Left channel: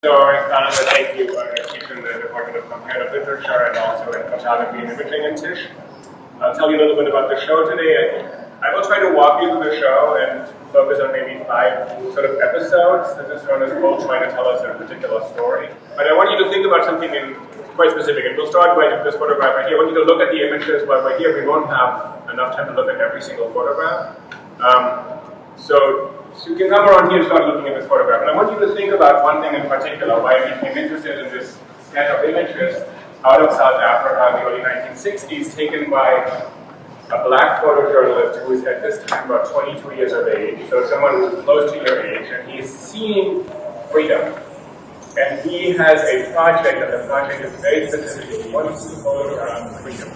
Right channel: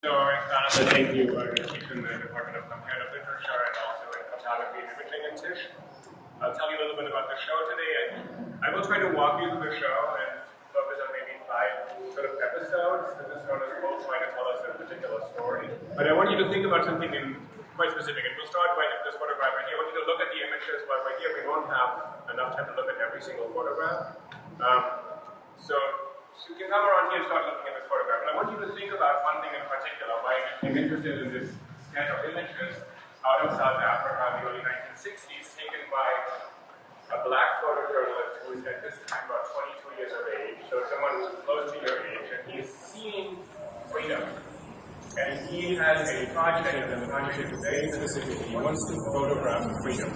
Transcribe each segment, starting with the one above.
So I started to thank you. I teach in the Department of Comparative Literature and also in Photography and Imaging in Tisch. I'll tell you a little bit about the show today. I will try to walk you through the show and focus on maybe 5 sort of episodes. This is known as both trying to tell us a particular story. But I want you to think about something quite specific. And we'll start with this photograph right here. I want you to look at the images, but right here we won't have enough time to look at every single photograph. So you can come around here and start looking at this photograph. And I want you to think about one thing in particular, why I became interested in this set of images out of South Africa in the early 1960s, taken by a black photojournalist who is at this time about 22 years of age, so someone who is close to your age, and he's seeing freedom. And he has a project, and the project is very specific. He wants to photograph freedom.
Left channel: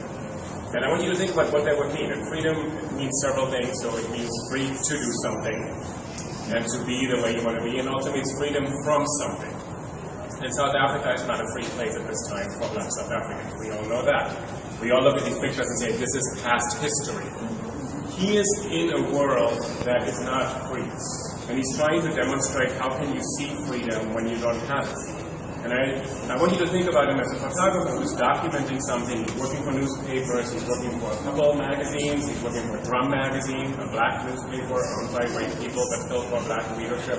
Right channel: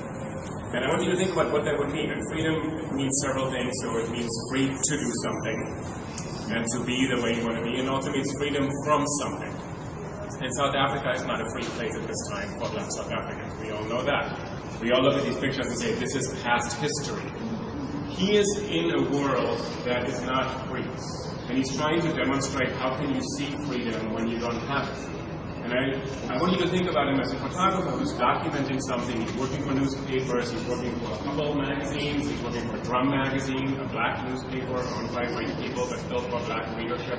And I want you to think about what that would mean. And freedom means several things. So it means free to do something and to be the way you want to be, and also means freedom from something. And South Africa is not a free place at this time for black South Africans. We all know that. We all look at these pictures and say, this is past history. He is in a world that is not free. And he's trying to demonstrate how can you see freedom when you don't have it. And I want you to think about him as a photographer who's documenting something. He's working for newspapers, he's working for a couple of magazines, he's working for a drum magazine, a black newspaper owned by white people but built for black readership.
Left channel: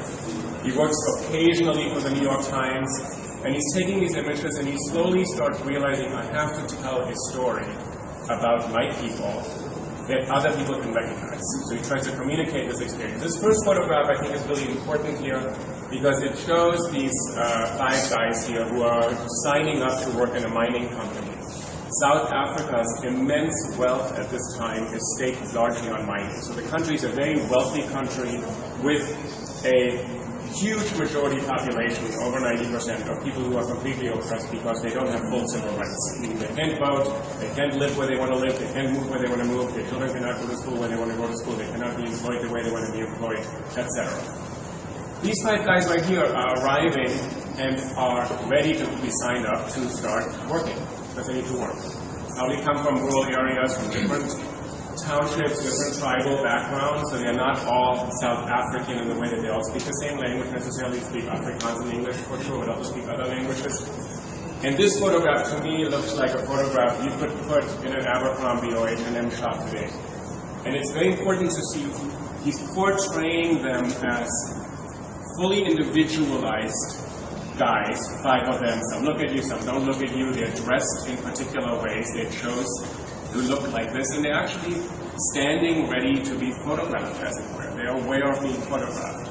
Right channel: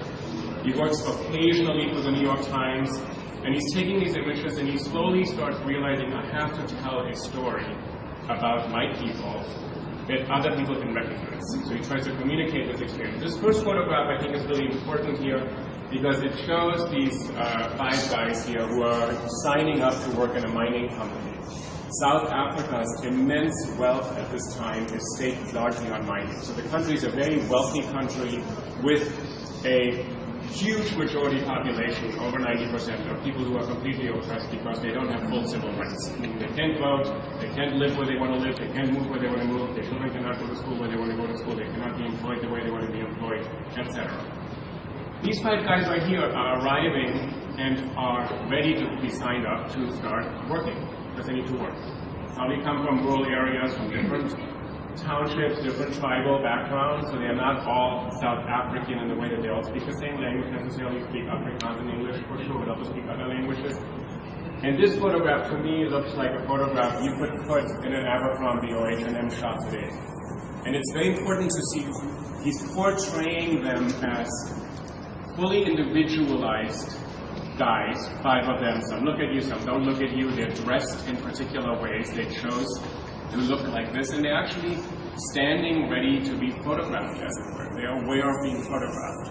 He works occasionally for the New York Times, and he's taking these images and he slowly starts realizing, I have to tell a story about my people that other people can recognize. So he tries to communicate this experience. This first photograph I think is really important here because it shows these 5 guys here who are signing up to work in a mining company. South Africa's immense wealth at this time is staked largely on mining. So the country is a very wealthy country with a huge majority population, over 90%, of people who are completely oppressed because they don't have full civil rights. Meaning they can't vote, they can't live where they want to live, they can't move where they want to move, their children cannot go to school where they want to go to school, they cannot be employed the way they want to be employed, etc. These 5 guys right here are arriving and are ready to be signed up to start working, because they need to work. Probably come from rural areas, from different townships, different tribal backgrounds, so they're not all South African in the way that they all speak the same language, necessarily speak Afrikaans and English for sure, but also speak other languages. And this photograph to me looks like a photograph you could put in an Abercrombie or H&M shot today. And it's very important to see he's portraying them as fully individualized guys, 5 of them. Some look at you, some don't look at you. They're dressed in particular ways. They chose to look like this, and they're actually standing ready to be photographed, as it were. They're aware of being photographed.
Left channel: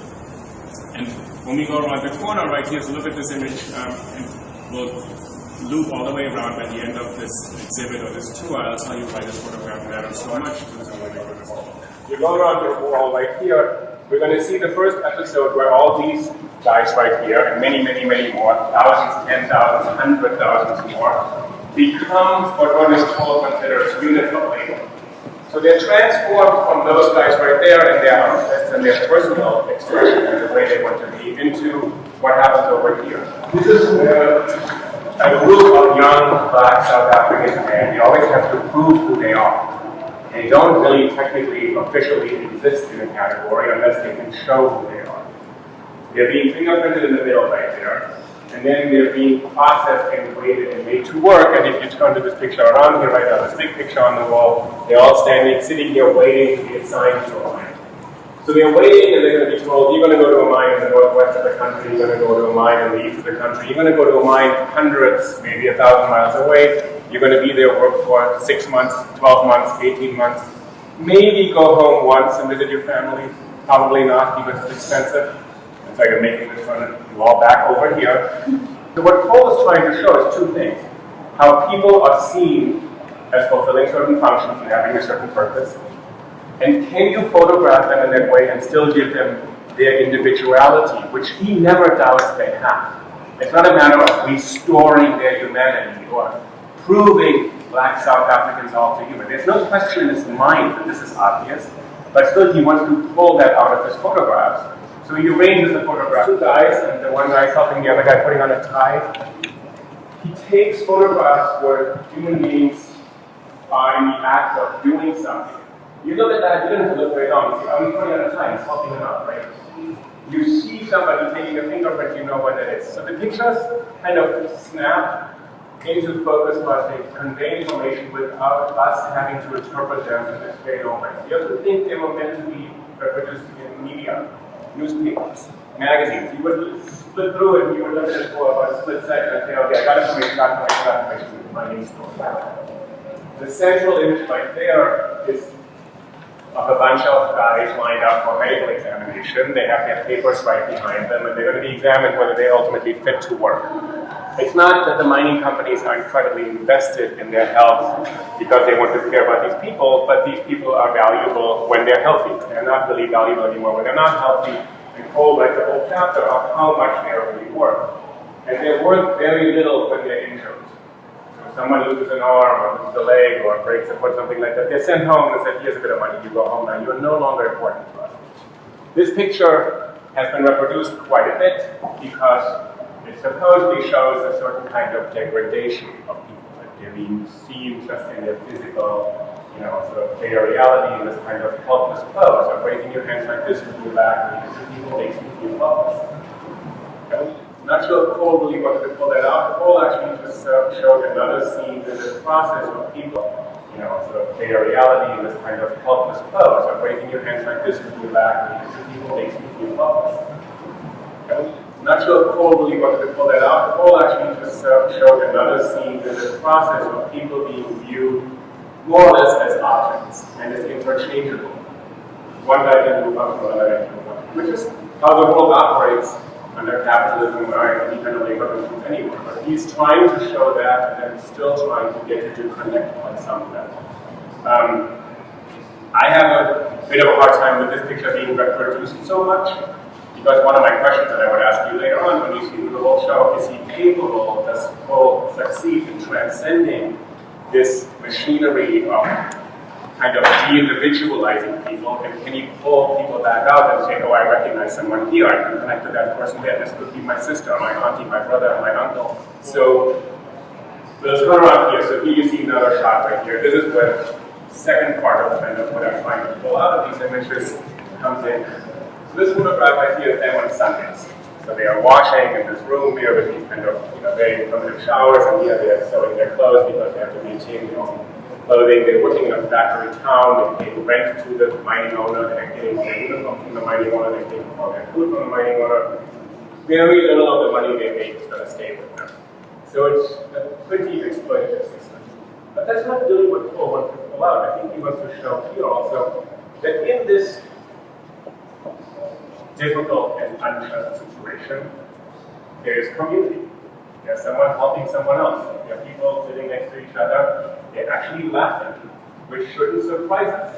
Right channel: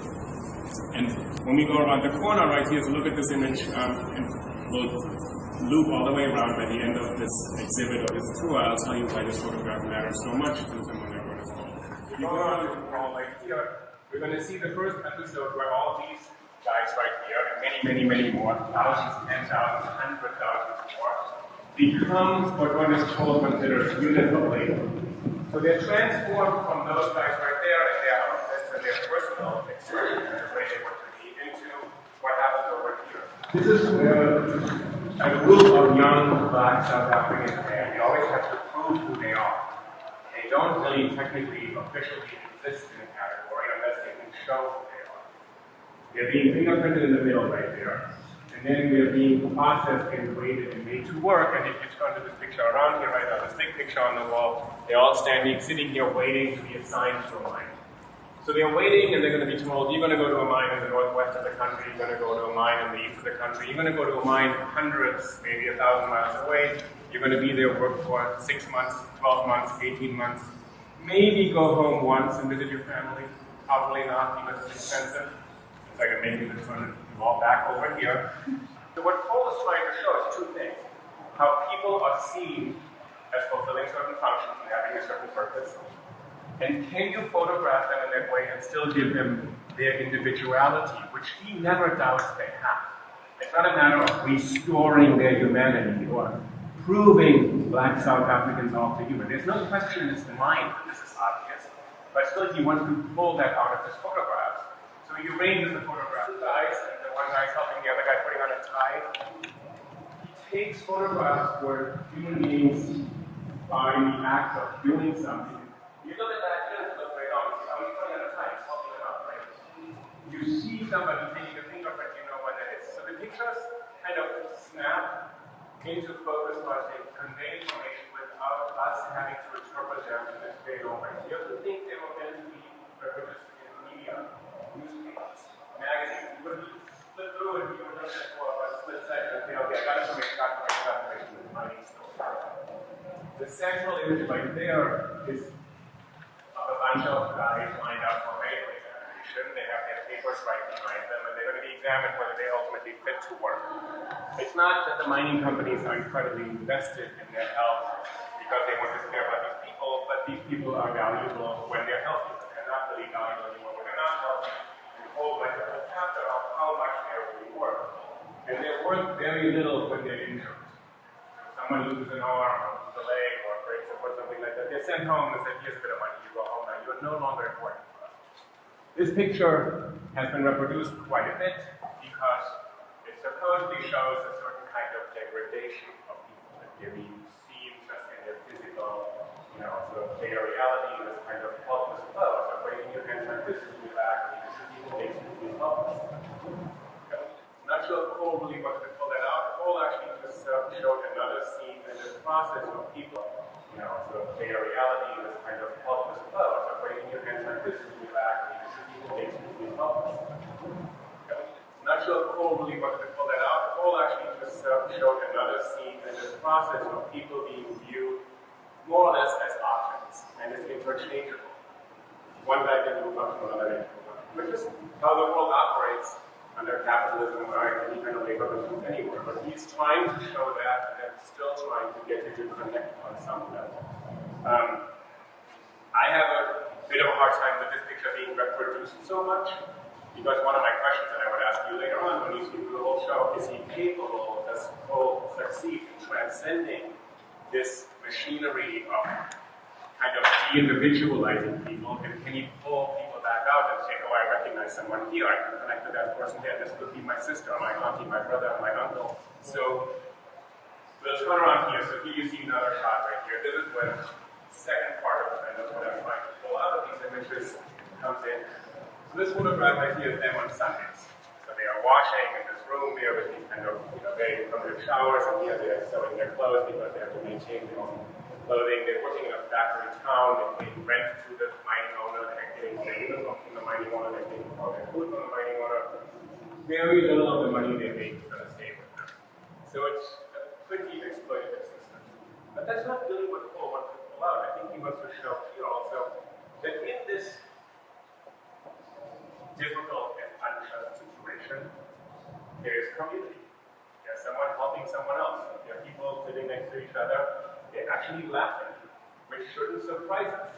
And when we go around the corner right here, so look at this image, and we'll loop all the way around by the end of this exhibit or this tour. I'll tell you why this photograph matters so much to someone like Ernest. You go around the wall right here, we're going to see the first episode where all these guys right here, and many, many, many more, thousands, 10,000s, 100,000s more, become what one is told considered units of labor. So they're transformed from those guys right there and their outfits and their personal expression and the way they want to be into what happens over here. This is where a group of young black South African men, they always have to prove who they are. They don't really technically, officially exist in a category unless they can show who they are. They're being fingerprinted in the middle right there. And then they're being processed and graded and made to work. And if you turn to this picture around here, right now, this big picture on the wall, they're all sitting here waiting to be assigned to a mine. So they're waiting and they're going to be told, you're going to go to a mine in the northwest of the country, you're going to go to a mine in the east of the country, you're going to go to a mine hundreds, maybe 1,000 miles away, you're going to be there, work for 6 months, 12 months, 18 months, maybe go home once and visit your family, probably not because it's expensive. It's like I'm making this run you all back over here. So what Cole is trying to show is 2 things. How people are seen as fulfilling certain functions and having a certain purpose. And can you photograph them in that way and still give them their individuality, which he never doubts they have. It's not a matter of restoring their humanity or proving black South Africans all to human. There's no question in his mind that this is obvious, but still he wants to pull that out of his photographs. So he arranges the photograph. 2 guys, and the one guy helping the other guy putting on a tie. He takes photographs where human beings are in the act of doing something. You look at that, you don't have to look very long. You see, he's putting on a tie, he's helping him out, right? you see somebody taking a fingerprint, you know what it is. So the pictures kind of snap into focus while they convey information without us having to interpret them in this very own way. You have to think they were meant to be reproduced in media, newspapers, magazines. You would flip through it and you would look at it for about a split second and say, okay, I got information, my name story. The central image right there is of a bunch of guys lined up for medical examination. They have their papers right behind them, and they're going to be examined whether they ultimately fit to work. It's not that the mining companies are incredibly invested in their health because they want to care about these people, but these people are valuable when they're healthy. They're not really valuable anymore when they're not healthy, and coal writes a whole chapter of how much they are really worth. And they're worth very little when they're injured. Someone loses an arm or loses a leg or breaks a foot, something like that, they're sent home and said, here's a bit of money, you go home now, you're no longer important to us. This picture has been reproduced quite a bit because it supposedly shows a certain kind of degradation of people, that they're being seen just in their physical, sort of bare reality in this kind of helpless pose of raising your hands like this with your back, and people makes you feel helpless. I'm not sure if Cole really wanted to pull that out. Cole actually just showed another scene in this process of people, sort of bare reality in this kind of helpless pose of raising your hands like this with your back, and people makes you feel helpless. I'm not sure if Cole really wanted to pull that out. Cole actually just showed another scene in this process of people being viewed more or less as objects and as interchangeable. One guy can move up, another guy can move up, which is how the world operates under capitalism or any kind of labor relations anywhere. But he's trying to show that and then still trying to get you to connect on some level. I have a bit of a hard time with this picture being reproduced so much, because one of my questions that I would ask you later on when you see the whole show, is he capable, does Cole succeed in transcending this machinery of kind of de-individualizing people, and can you pull people back out and say, oh, I recognize someone here, I can connect to that person there, this could be my sister, my auntie, my brother, my uncle. So let's turn around here. So here you see another shot right here. This is where the second part of what I'm trying to pull out of these images comes in. So this photograph right here is them on Sundays. So they are washing in this room here with these kind of very primitive showers, and here they are sewing their clothes because they have to maintain their own clothing. They're working in a factory town, they're paying rent to the mining owner, they're getting their uniform from the mining owner, they're taking all their food from the mining owner. Very little of the money they make is going to stay with them. So it's a pretty exploitative system. But that's not really what Cole wants to pull out. I think he wants to show here also that in this difficult and unjust situation, there is community. There's someone helping someone else. There are people sitting next to each other. They're actually laughing, which shouldn't surprise us.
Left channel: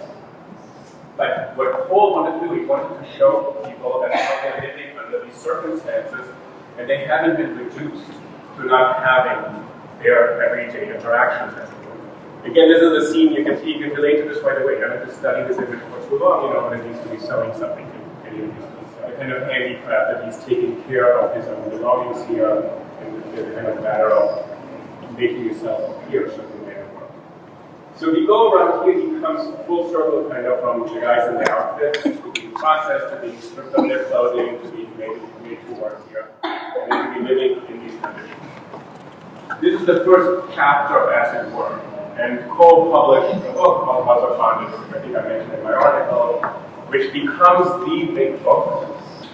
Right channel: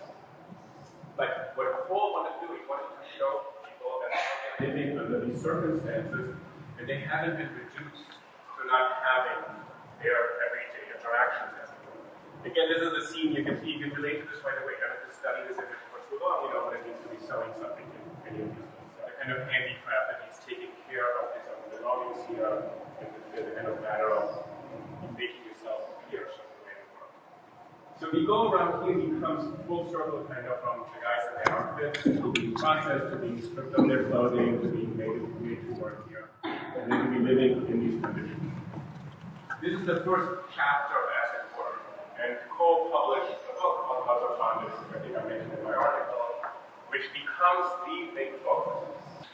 But what Cole wanted to do, he wanted to show people that they're living under these circumstances, and they haven't been reduced to not having their everyday interactions as it were. Again, this is a scene you can see, you can relate to this right away. You don't have to study this image for too long, when it means to be sewing something. The kind of handicraft that he's taking care of his own belongings here, and there's a kind of matter of making yourself appear something way of work. So if you go around here, he comes full circle kind of from the guys in their outfits to being processed, to being stripped of their clothing, to being made to work here, and then to be living in these conditions. This is the first chapter of Acid Work, and Cole published a book called House of Bondage, which I think I mentioned in my article, which becomes the big book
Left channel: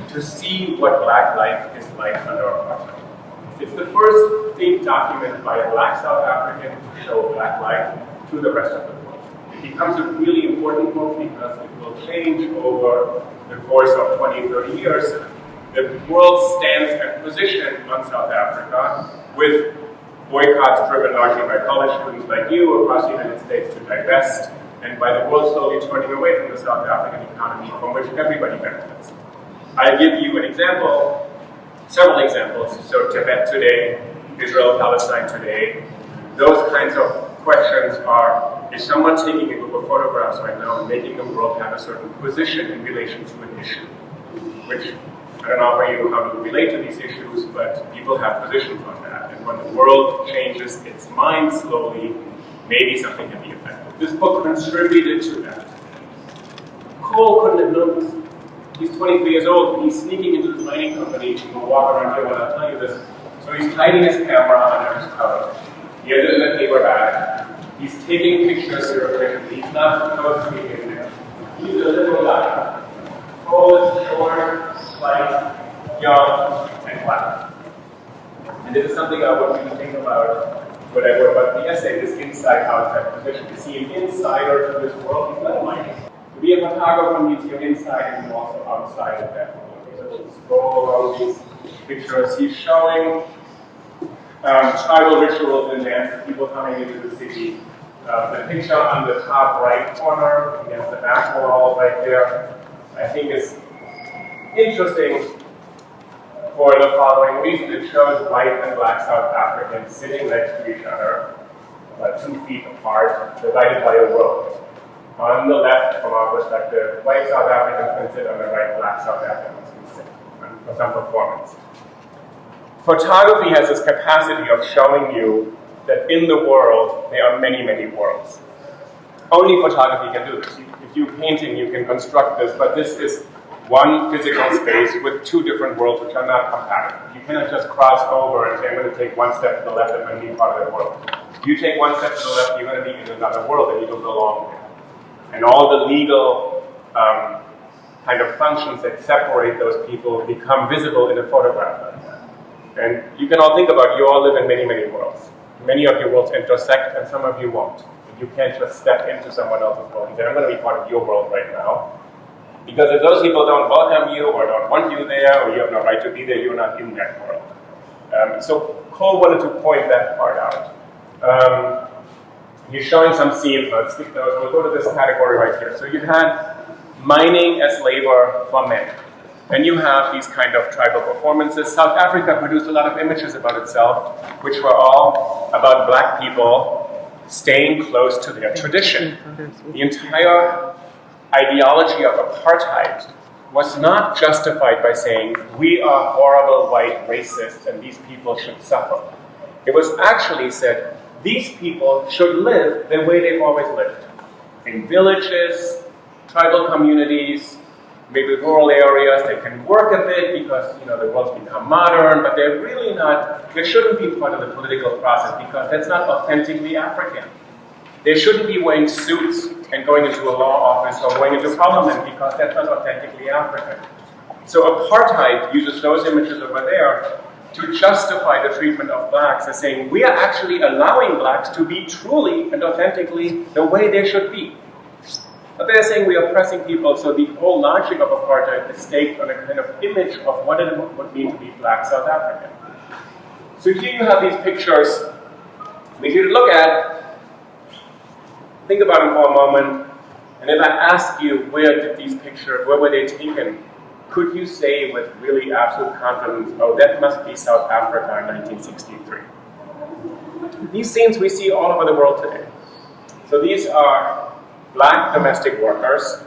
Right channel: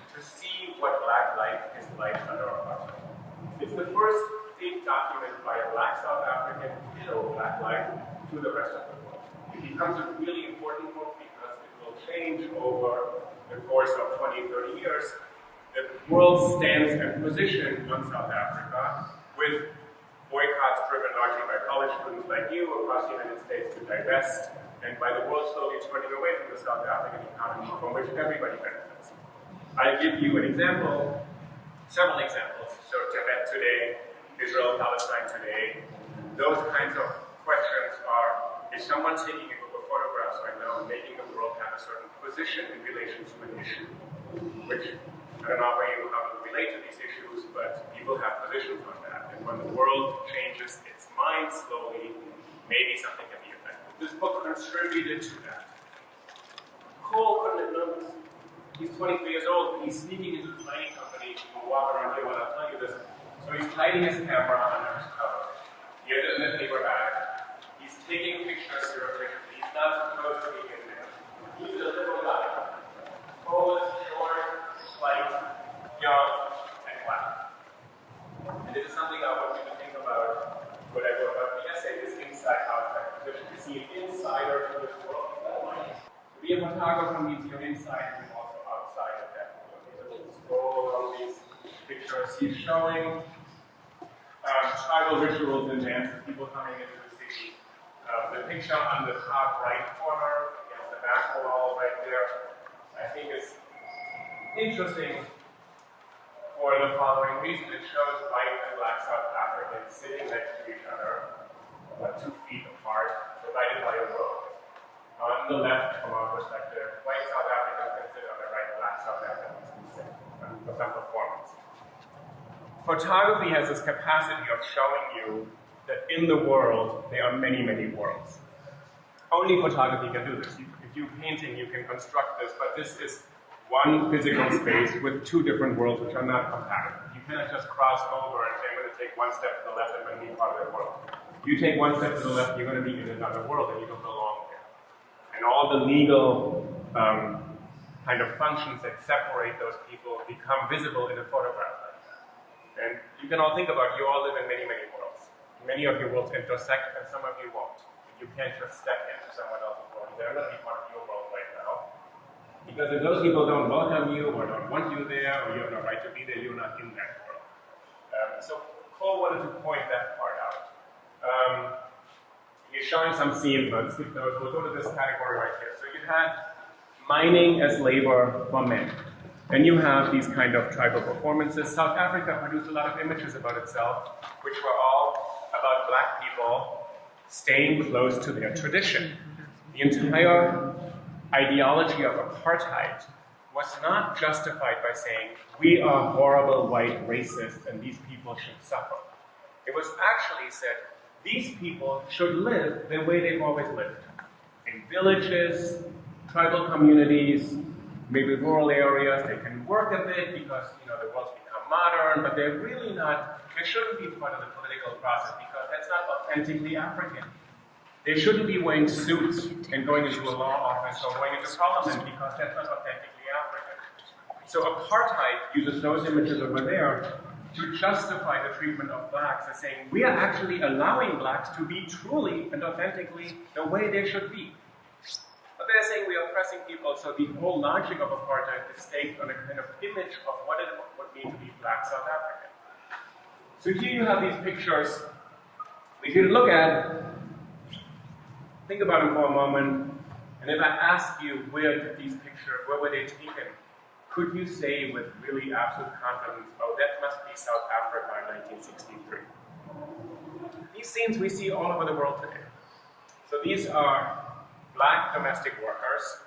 to see what Black life is like under apartheid. It's the first big document by a Black South African to show Black life to the rest of the world. It becomes a really important book because it will change over the course of 20, 30 years the world's stance and position on South Africa, with boycotts driven largely by college students like you across the United States to divest, and by the world slowly turning away from the South African economy from which everybody benefits. I'll give you an example, several examples. So Tibet today, Israel, Palestine today, those kinds of questions are, is someone taking a group of photographs right now and making the world have a certain position in relation to an issue, which I don't offer you how to relate to these issues, but people have positions on that. And when the world changes its mind slowly, maybe something can be affected. This book contributed to that. Cole couldn't have known this. He's 23 years old. He's sneaking into this mining company. You can walk around here when I'll tell you this. So he's hiding his camera under his coat. He has it in a paper bag. He's taking pictures surreptitiously. He's not supposed to be in there. He's a little guy. Tall, short, slight, young, and black. And this is something I want you to think about when I wrote about the essay, this inside-outside position. To see an insider to this world, he's not mining. To be a photographer means you're inside and you're also outside of that world. So just scroll along these pictures. He's showing tribal rituals and dances, people coming into the city. The picture on the top right corner against the back wall right there, I think is interesting for the following reason. It shows white and black South Africans sitting next to each other, 2 feet apart, divided by a road. On the left, from our perspective, white South Africans can sit, on the right, black South Africans can sit for some performance. Photography has this capacity of showing you that in the world, there are many, many worlds. Only photography can do this. If you're painting, you can construct this, but this is one physical space with 2 different worlds which are not compatible. You cannot just cross over and say, I'm going to take 1 step to the left and I'm going to be part of that world. If you take 1 step to the left, you're going to be in another world and you don't belong there. And all the legal kind of functions that separate those people become visible in a photograph like that. And you can all think about, you all live in many, many worlds. Many of your worlds intersect and some of you won't. You can't just step into someone else's world and say, I'm going to be part of your world right now. Because if those people don't welcome you or don't want you there, or you have no right to be there, you're not in that world. So Cole wanted to point that part out. He's showing some scenes. Let's skip those. We'll go to this category right here. So you had mining as labor for men. And you have these kind of tribal performances. South Africa produced a lot of images about itself, which were all about black people staying close to their tradition. The entire ideology of apartheid was not justified by saying, we are horrible white racists and these people should suffer. It was actually said, these people should live the way they've always lived. In villages, tribal communities, maybe rural areas. They can work a bit because the world's become modern, but they're really not, they shouldn't be part of the political process because that's not authentically African. They shouldn't be wearing suits and going into a law office or going into parliament because that's not authentically African. So apartheid uses those images over there to justify the treatment of blacks as saying, we are actually allowing blacks to be truly and authentically the way they should be. But they're saying we are oppressing people, so the whole logic of apartheid is staked on a kind of image of what it would mean to be black South African. So here you have these pictures. We need to look at, think about them for a moment, and if I ask you where were they taken, could you say with really absolute confidence, oh, that must be South Africa in 1963? These scenes we see all over the world today. So these are black domestic workers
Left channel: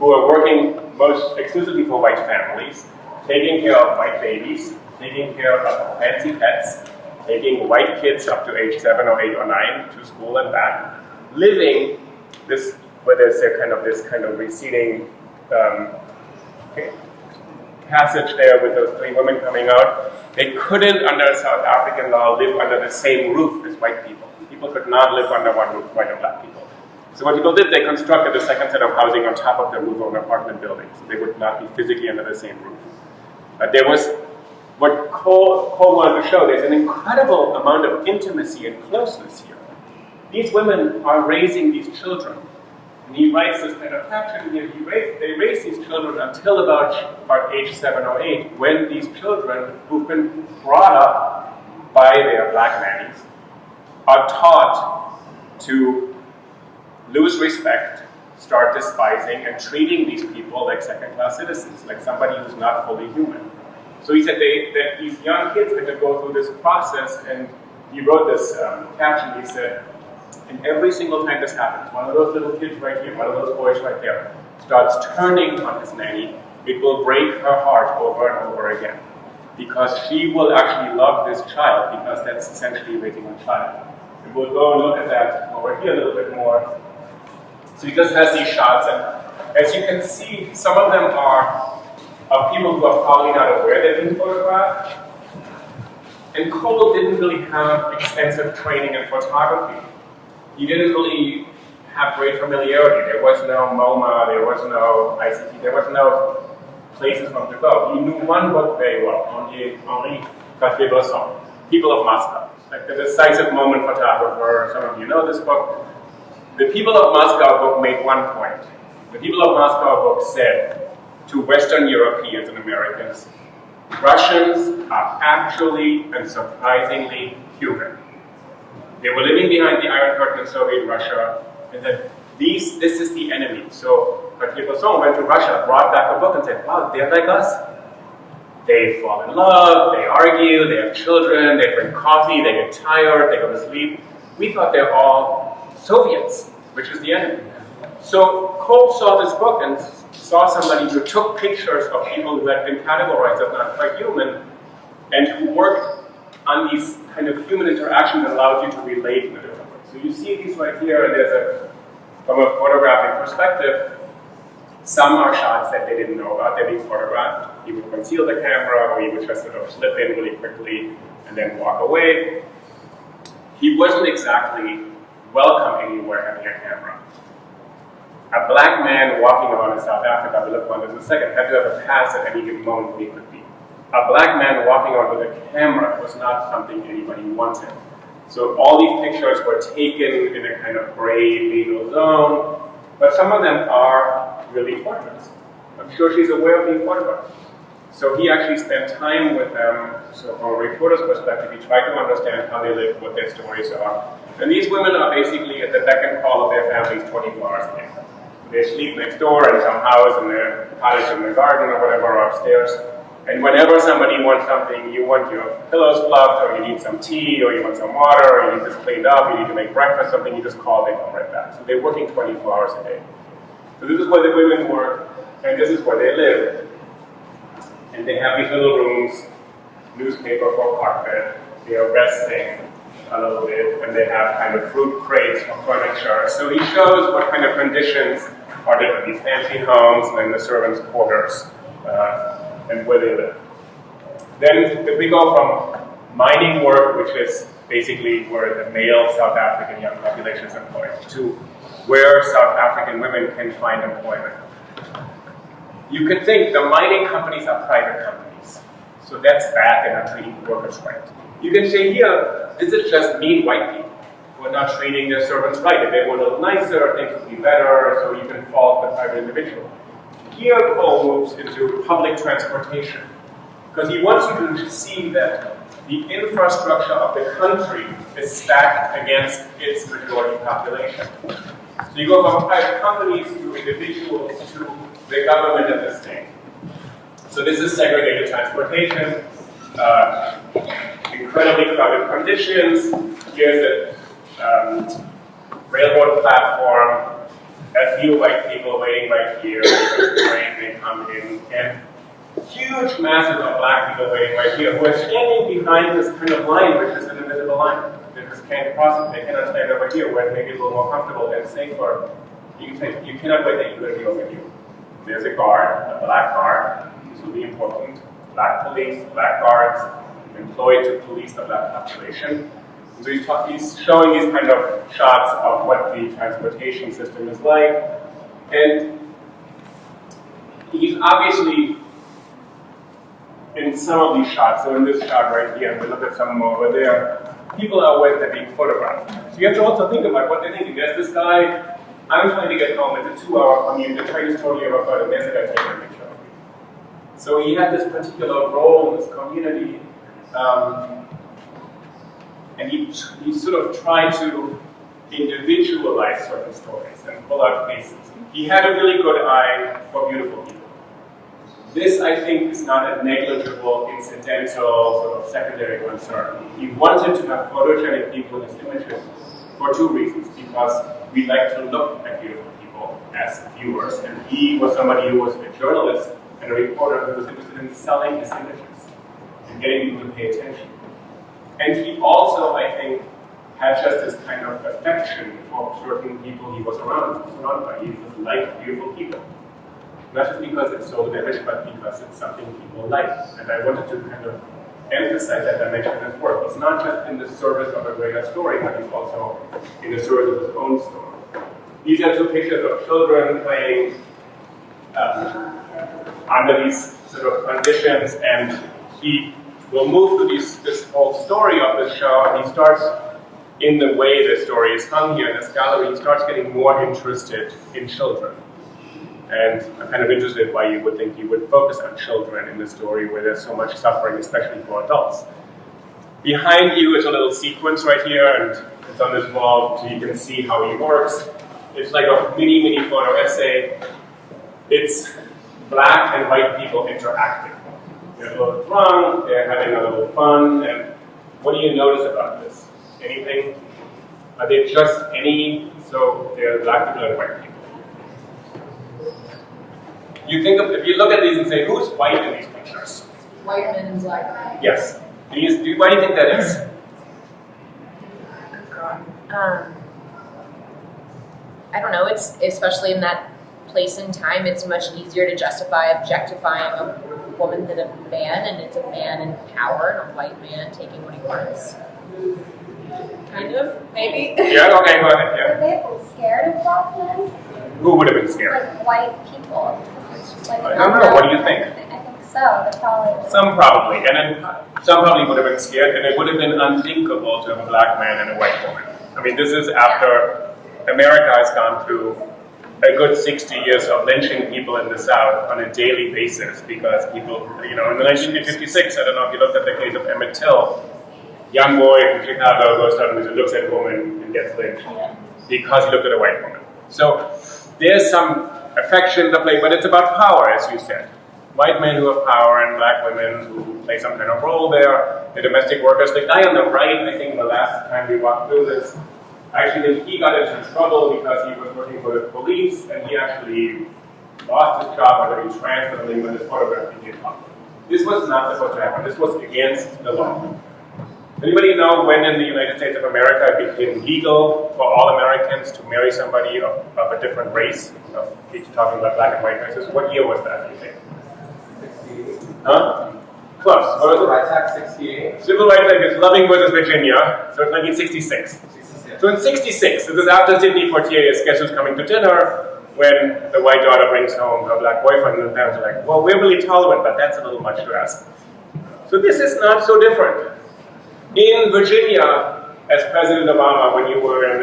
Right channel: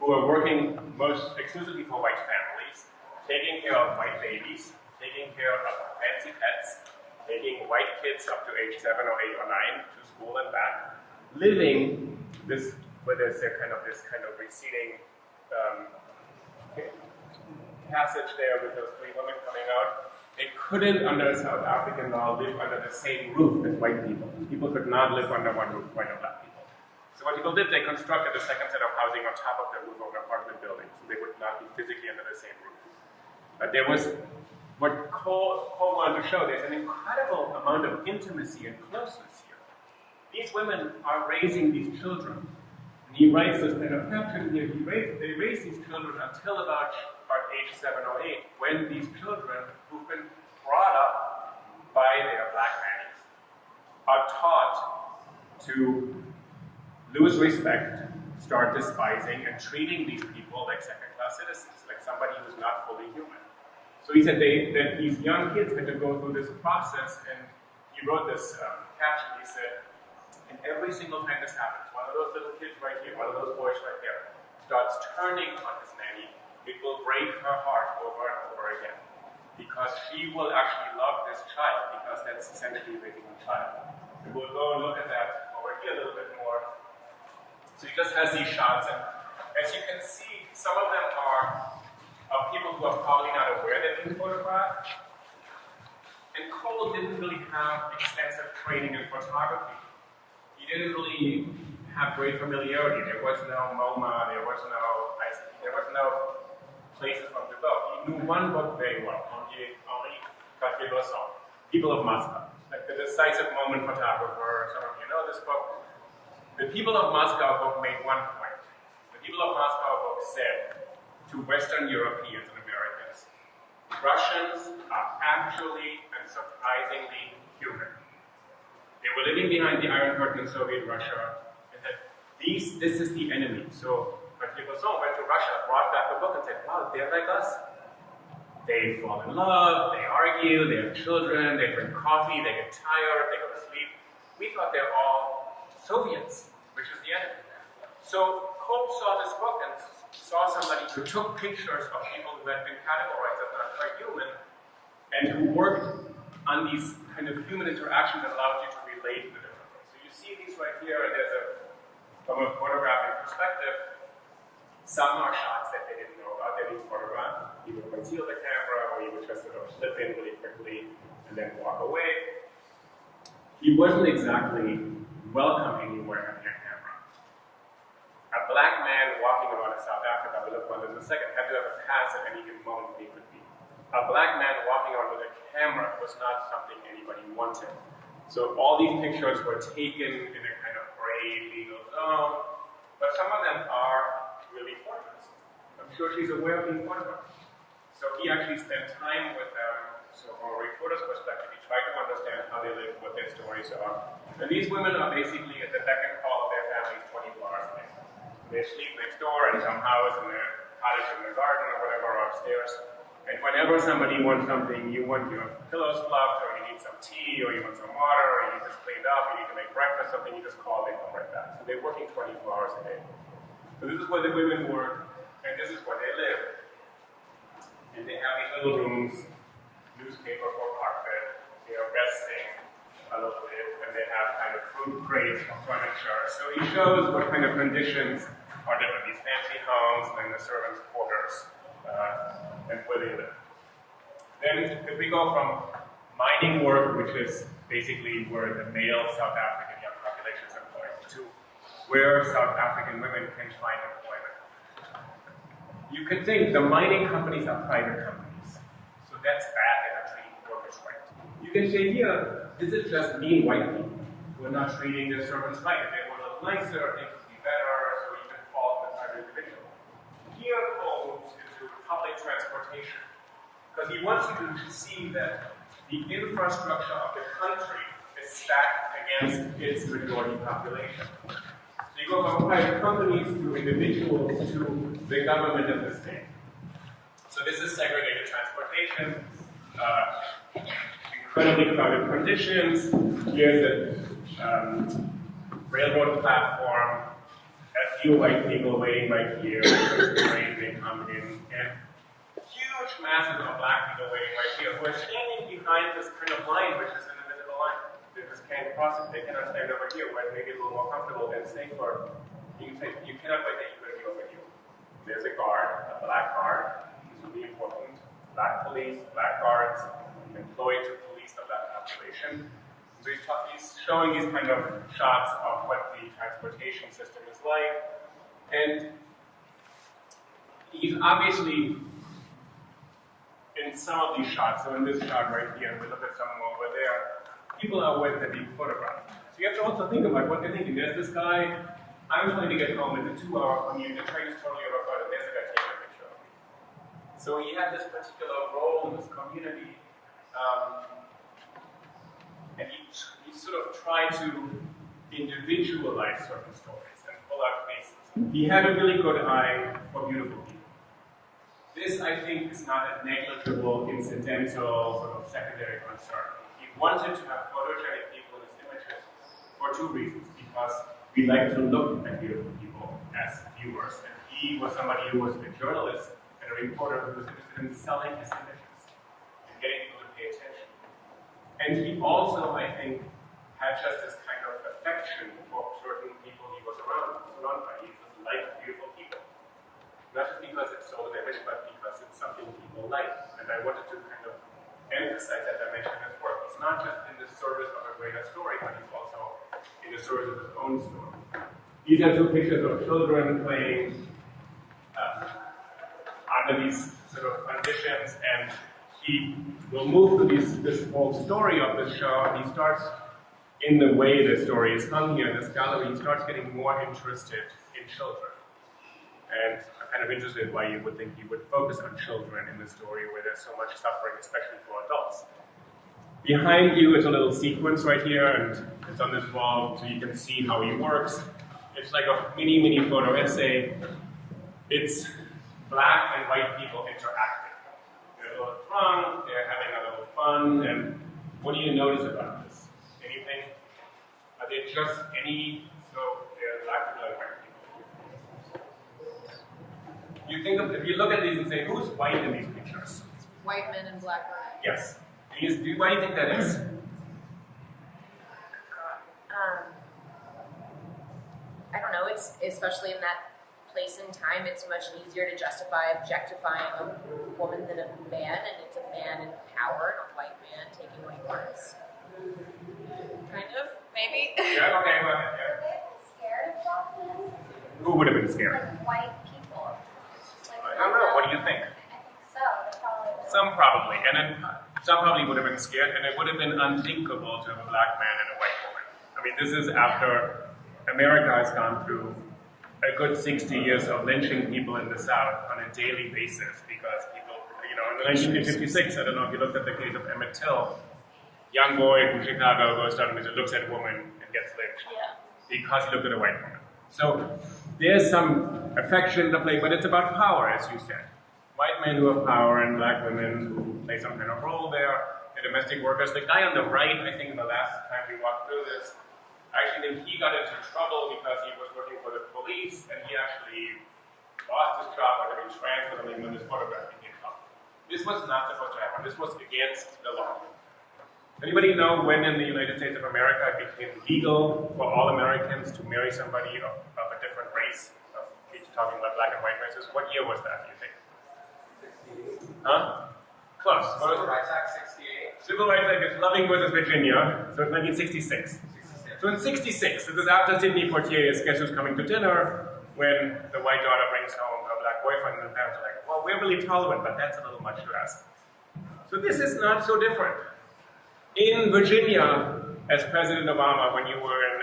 who are working most exclusively for white families, taking care of white babies, taking care of fancy pets, taking white kids up to age 7 or 8 or 9 to school and back, living this, where there's this kind of receding passage there with those 3 women coming out. They couldn't, under South African law, live under the same roof as white people. People could not live under one roof, white and black people. So what people did, they constructed a second set of housing on top of the roof of an apartment building. So they would not be physically under the same roof. There was, what Cole wanted to show, there's an incredible amount of intimacy and closeness here. These women are raising these children. And he writes this kind of caption here, they raise these children until about age 7 or 8, when these children, who've been brought up by their black nannies, are taught to lose respect, start despising, and treating these people like second-class citizens, like somebody who's not fully human. So he said that these young kids had to go through this process, and he wrote this caption. He said, and every single time this happens, one of those little kids right here, one of those boys right there, starts turning on his nanny, it will break her heart over and over again. Because she will actually love this child, because that's essentially raising a child. And we'll go and look at that over here a little bit more. So he just has these shots, and as you can see, some of them are of people who are probably not aware they're being photographed. And Cole didn't really have extensive training in photography. He didn't really have great familiarity. There was no MoMA, there was no ICT, there was no places for him to go. He knew one book very well, Henri Cartier-Bresson, People of Moscow. Like the decisive moment photographer, some of you know this book. The People of Moscow book made one point. The People of Moscow book said to Western Europeans and Americans, Russians are actually and surprisingly human. They were living behind the Iron Curtain in Soviet Russia, and that this is the enemy. So Cartier-Bresson went to Russia, brought back a book and said, wow, they're like us. They fall in love, they argue, they have children, they drink coffee, they get tired, they go to sleep. We thought they're all Soviets, which is the enemy. So Cole saw this book and saw somebody who took pictures of people who had been categorized as not quite human, and who worked on these kind of human interactions that allowed you to relate in a different way. So you see these right here, and there's from a photographic perspective, some are shots that they didn't know about, they're being photographed. He would conceal the camera, or he would just sort of slip in really quickly and then walk away. He wasn't exactly welcome anywhere having a camera. A black man walking around in South Africa, we'll look on this in a second, had to have a pass at any given moment where he could be. A black man walking around with a camera was not something anybody wanted. So all these pictures were taken in a kind of gray legal zone, but some of them are really portraits. I'm sure she's aware of being photographed. So he actually spent time with them. So from a reporter's perspective, he tried to understand how they live, what their stories are. And these women are basically at the beck and call of their families 24 hours a day. They sleep next door in some house, in their cottage in the garden or whatever, or upstairs. And whenever somebody wants something, you want your pillows fluffed, or you need some tea, or you want some water, or you need this cleaned up, you need to make breakfast, something, you just call, they come right back. So they're working 24 hours a day. So this is where the women work, and this is where they live. And they have these little rooms, newspaper for carpet, they are resting a little bit, and they have kind of fruit crates for furniture. So he shows what kind of conditions are different, these fancy homes, and then the servants' quarters, and where they live. Then if we go from mining work, which is basically where the male South African young population is employed, to where South African women can find employment. You could think the mining companies are private companies, so that's bad, they're not treating workers right. You can say here, this is just mean white people who are not treating their servants right. If they were a little nicer, things would be better, so you can fault the private individual. Here, Cole moves into public transportation, because he wants you to see that the infrastructure of the country is stacked against its majority population. So you go from private companies to individuals to the government and the state. So this is segregated transportation, incredibly crowded conditions. Here's a railroad platform, a few white people waiting right here, the train, they come in, and huge masses of black people waiting right here who are standing behind this kind of line, which is an invisible line. They just can't cross it. They cannot stand over here where it may be a little more comfortable and safer. You can say, you cannot wait that you're going to be over here. There's a guard, a black guard. This will be important. Black police, black guards, employed to police the black population. So he's showing these kind of shots of what the transportation system is like. And he's obviously, in some of these shots, so in this shot right here, and we look at some over there, people are aware they're being photographed. So you have to also think about what they're thinking. There's this guy, I'm trying to get home, it's a 2-hour commute, the train is totally overcrowded, and there's a guy taking a picture of me. So he had this particular role in this community, and he sort of tried to individualize certain stories and pull out faces. He had a really good eye for beautiful people. This, I think, is not a negligible, incidental, sort of secondary concern. He wanted to have photogenic people in his images for 2 reasons. Because we like to look at beautiful people as viewers, and he was somebody who was a journalist and a reporter who was interested in selling his images and getting people to pay attention. And he also, I think, had just this kind of affection for certain people he was surrounded by. He just liked beautiful people. Not just because it's sold an image, but because it's something people like. And I wanted to kind of emphasize that dimension in his work. He's not just in the service of a greater story, but he's also in the service of his own story. These are two pictures of children playing under these sort of conditions, and he will move to this whole story of the show, and he starts, in the way the story is hung here in this gallery, he starts getting more interested in children. And I'm kind of interested why you would think he would focus on children in the story where there's so much suffering, especially for adults. Behind you is a little sequence right here, and it's on this wall so you can see how he works. It's like a mini photo essay. It's black and white people interacting. They're a little drunk, they're having a little fun, and what do you notice about this? Anything? Are they just any, so they're black people and white people? You think of, if you look at these and say, who's white in these pictures? White men and black men. Yes. Why do you think that is? Oh God. I don't know. It's especially in that place and time. It's much easier to justify objectifying a woman than a man, and it's a man in power and a white man taking what he wants. Kind of, maybe. Yeah. Okay. Go ahead. Yeah. Would they have been scared of black men? Who would have been scared? Like white people. It's just like I don't know. What do you think? I think so. They're probably. Some probably, and then some probably would have been scared, and it would have been unthinkable to have a black man and a white woman. I mean, this is after America has gone through a good 60 years of lynching people in the South on a daily basis because people, you know, in 1956, I don't know if you looked at the case of Emmett Till, young boy from Chicago goes down and looks at a woman and gets lynched because he looked at a white woman. So there's some affection to play, but it's about power, as you said. White men who have power and black women who play some kind of role there. The domestic workers. The guy on the right, I think the last time we walked through this, actually he got into trouble because he was working for the police and he actually lost his job or he transferred him when his photograph became public. This was not supposed to happen. This was against the law. Anybody know when in the United States of America it became legal for all Americans to marry somebody of a different race? We're talking about black and white races. What year was that, do you think? 68. Huh? Close. What was Civil it? Rights Act 68. Civil Rights Act is Loving versus Virginia, so it's 1966. 66. So in 66, this is after Sidney Poitier's Guess Who's Coming to Dinner, when the white daughter brings home her black boyfriend, and the parents are like, well, we're really tolerant, but that's a little much to ask. So this is not so different. In Virginia, as President Obama, when you were in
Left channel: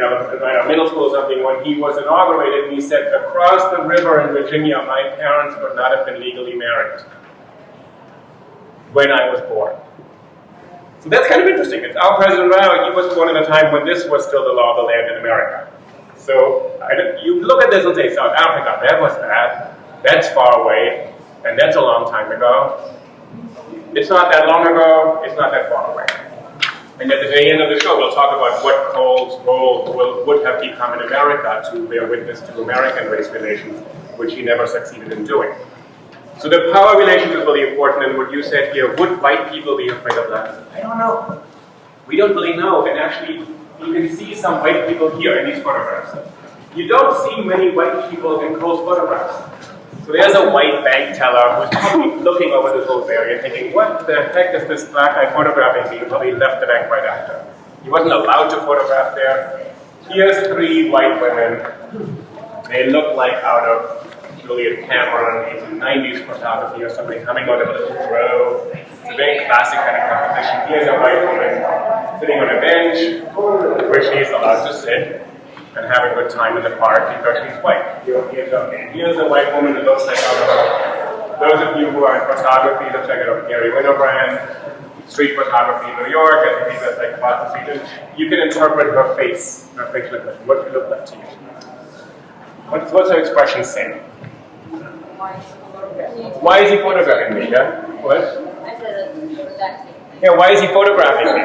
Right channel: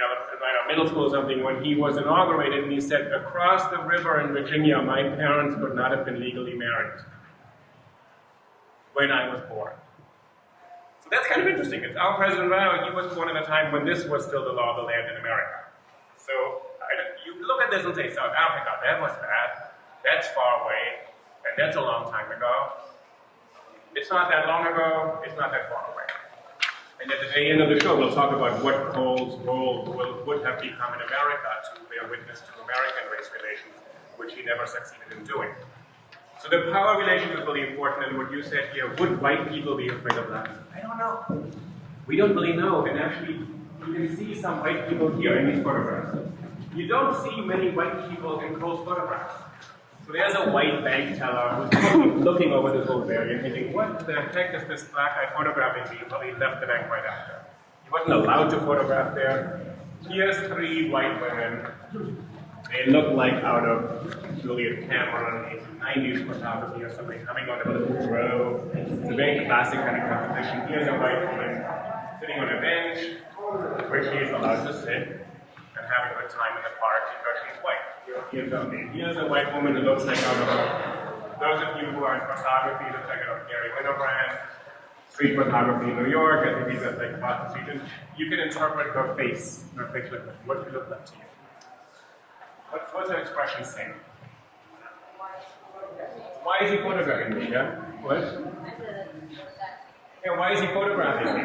middle school or something, when he was inaugurated, and he said, across the river in Virginia, my parents would not have been legally married when I was born. So that's kind of interesting. It's our president now, he was born at a time when this was still the law of the land in America. So you look at this and say, South Africa, that was bad. That's far away, and that's a long time ago. It's not that long ago, it's not that far away. And at the very end of the show, we'll talk about what Cole's role would have become in America to bear witness to American race relations, which he never succeeded in doing. So the power relation is really important, and what you said here, would white people be afraid of black people? I don't know. We don't really know, and actually, you can see some white people here in these photographs. You don't see many white people in Cole's photographs. So there's a white bank teller who's probably looking over this whole area thinking, what the heck is this black guy photographing me? He probably left the bank right after. He wasn't allowed to photograph there. Here's 3 white women. They look like out of Juliet Cameron 1890s photography or something coming out of a little row. It's a very classic kind of composition. Here's a white woman sitting on a bench where she's allowed to sit and have a good time in the park because she's white. Here's a white woman who looks like those of you who are in photography, let's check it out. Gary Winogrand, street photography in New York, I think that's like across the street. You can interpret her face, her facial expression. What does she look like to you? What's her expression saying? Why is he photographing me? Yeah? What? I said the exact same thing. Yeah, why is he photographing me?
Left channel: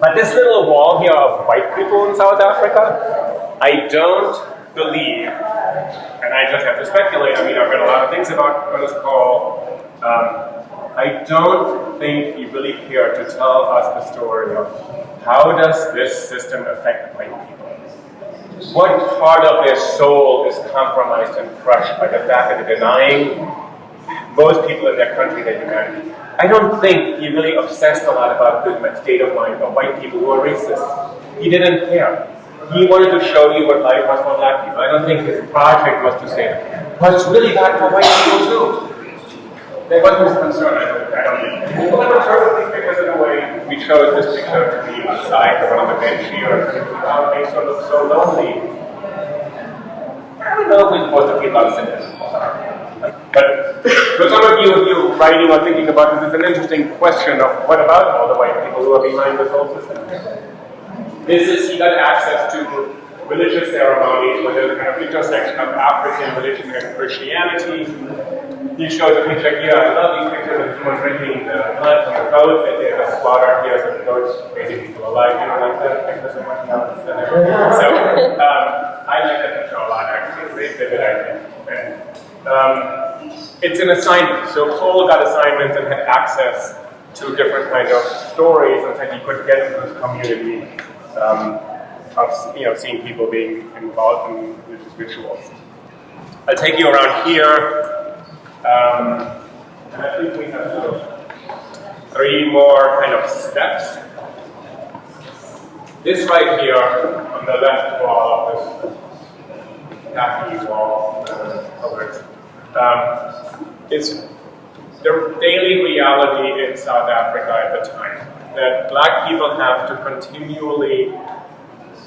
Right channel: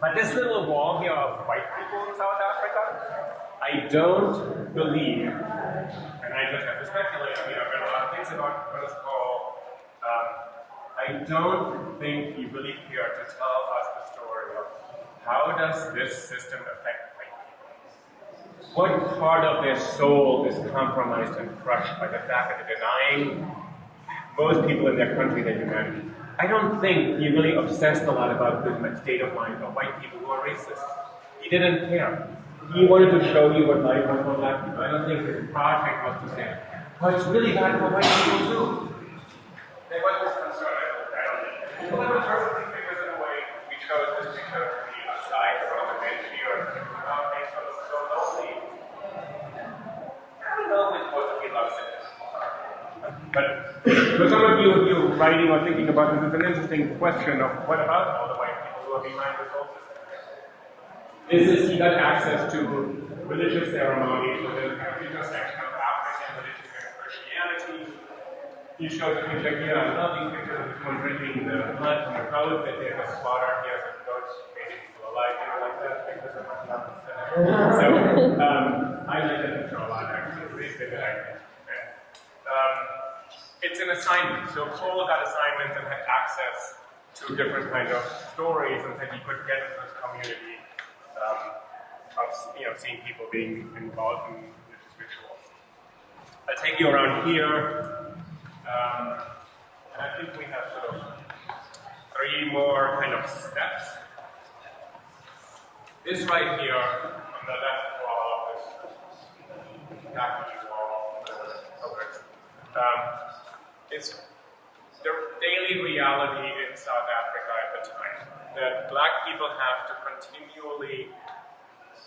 But this little wall here of white people in South Africa, I don't believe, and I just have to speculate, I mean, I've read a lot of things about Ernest Cole. I don't think he really cared to tell us the story of how does this system affect white people. what part of their soul is compromised and crushed by the fact that they're denying most people in their country their humanity. I don't think he really obsessed a lot about the state of mind of white people who are racist. He didn't care. He wanted to show you what life was for black people. I don't think his project was to say, well, it's really bad for white people too. That wasn't his concern, I don't think. Well, we chose these pictures in a way. We chose this picture to be outside, the one on the bench here, and it makes her look so lonely. I don't know if we're supposed to feel about sympathy. But for some of you writing or thinking about this, it's an interesting question of what about all the white people who are behind this whole system? He got access to religious ceremonies with a kind of intersection of African religion and Christianity. He shows a picture here. I love these pictures of someone drinking the blood from a goat that they have slaughtered here, so the goat's basically still alive. You don't like that picture so much now? So I like that picture a lot, actually. It's very vivid, I think. And, it's an assignment. So Cole got assignments and had access to different kind of stories, and so he could get into this community of seeing people being involved in religious rituals. I'll take you around here. And I think we have sort of 3 more kind of steps. This right here on the left wall of this khaki wall, is the daily reality in South Africa at the time. That black people have to continually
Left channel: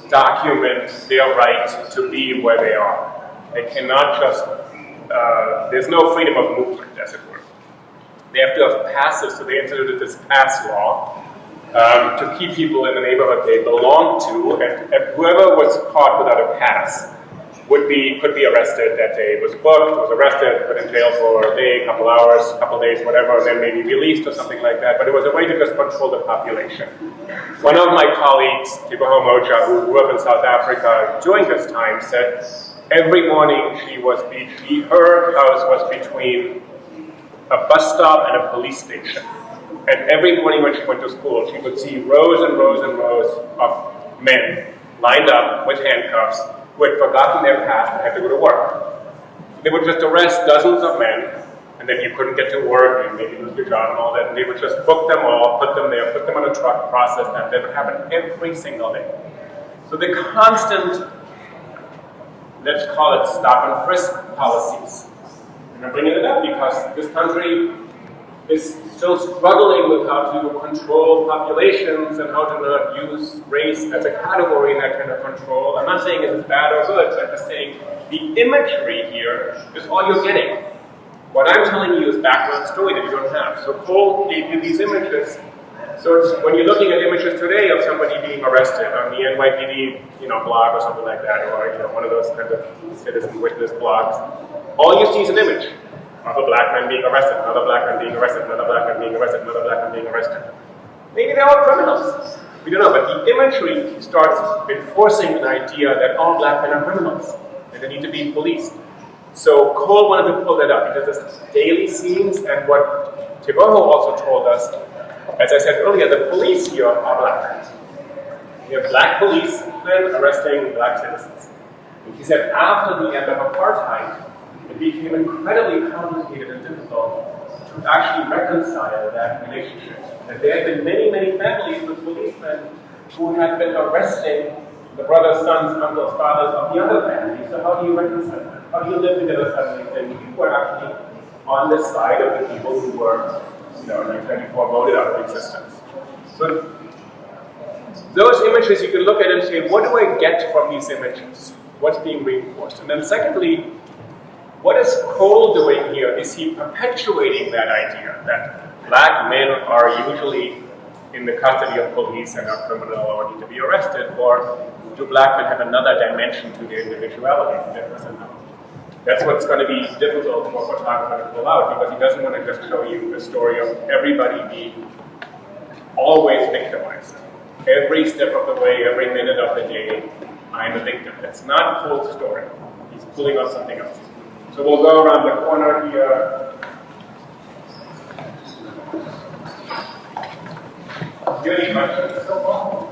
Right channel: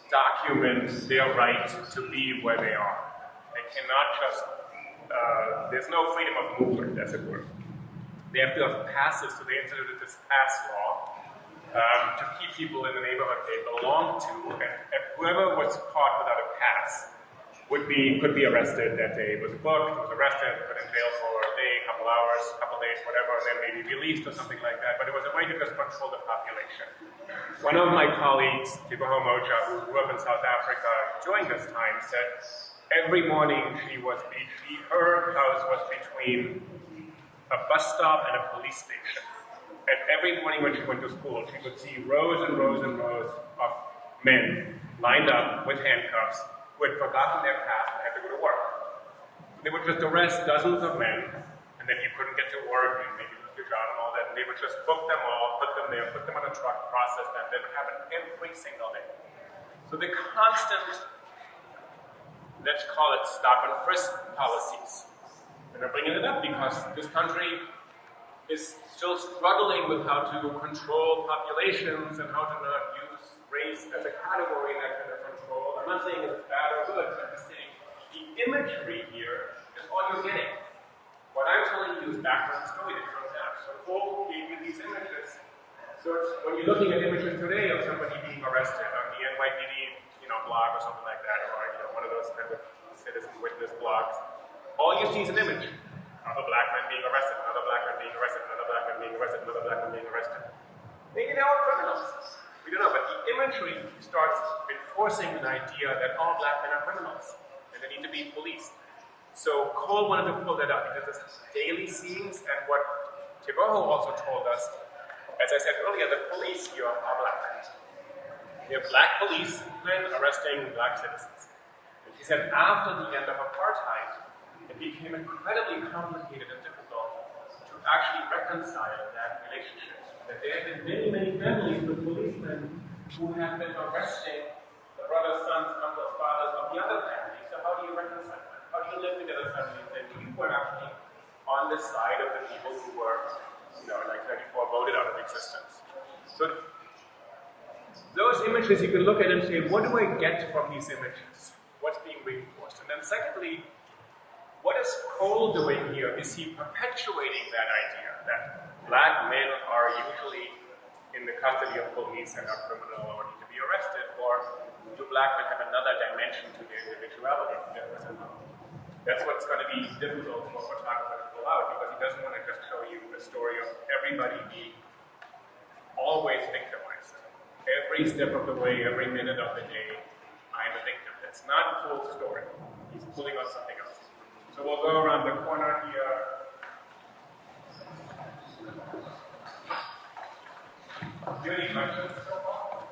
document their right to be where they are. They cannot just there's no freedom of movement, as it were. They have to have passes, so they instituted this pass law to keep people in the neighborhood they belong to, and whoever was caught without a pass could be arrested that day. Was booked, was arrested, put in jail for a day, couple hours, couple days, whatever, and then maybe released or something like that. But it was a way to just control the population. One of my colleagues, Tiboho Moja, who grew up in South Africa during this time, said every morning her house was between a bus stop and a police station. And every morning when she went to school, she would see rows and rows and rows of men lined up with handcuffs who had forgotten their pass and had to go to work. They would just arrest dozens of men, and then you couldn't get to work, and maybe lose your job and all that, and they would just book them all, put them there, put them on a truck, process them. That would happen every single day. So the constant, let's call it stop and frisk policies. And I'm bringing it up because this country is still struggling with how to control populations and how to not use race as a category in that kind of control. I'm not saying it's bad or good, I'm just saying the imagery here is all you're getting. What I'm telling you is background story that you don't have. So Cole gave you these images. So it's, when you're looking at images today of somebody being arrested on the NYPD, blog or something like that, or one of those kind of citizen witness blogs, all you see is an image of a black man being arrested, another black man being arrested, another black man being arrested, another black man being arrested. Maybe they're all criminals. We don't know, but the imagery starts enforcing an idea that all black men are criminals and they need to be policed. So Cole wanted to pull that up. He does this daily scenes, and what Tiboho also told us, as I said earlier, the police here are black. We have black policemen arresting black citizens. And he said after the end of apartheid, it became incredibly complicated and difficult to actually reconcile that relationship. And there had been many, many families with policemen who had been arresting the brothers, sons, uncles, fathers of the other family. So how do you reconcile that? How do you live together suddenly and you were actually on the side of the people who were, in 1994, voted out of existence? So those images you can look at and say, what do I get from these images? What's being reinforced? And then secondly, what is Cole doing here? Is he perpetuating that idea that black men are usually in the custody of police and are criminal or need to be arrested, or do black men have another dimension to their individuality that doesn't know? That's what's going to be difficult for a photographer to pull out, because he doesn't want to just show you the story of everybody being always victimized. Every step of the way, every minute of the day, I'm a victim. That's not Cole's story. He's pulling out something else. So we'll go around the corner here. Do you have any questions so far?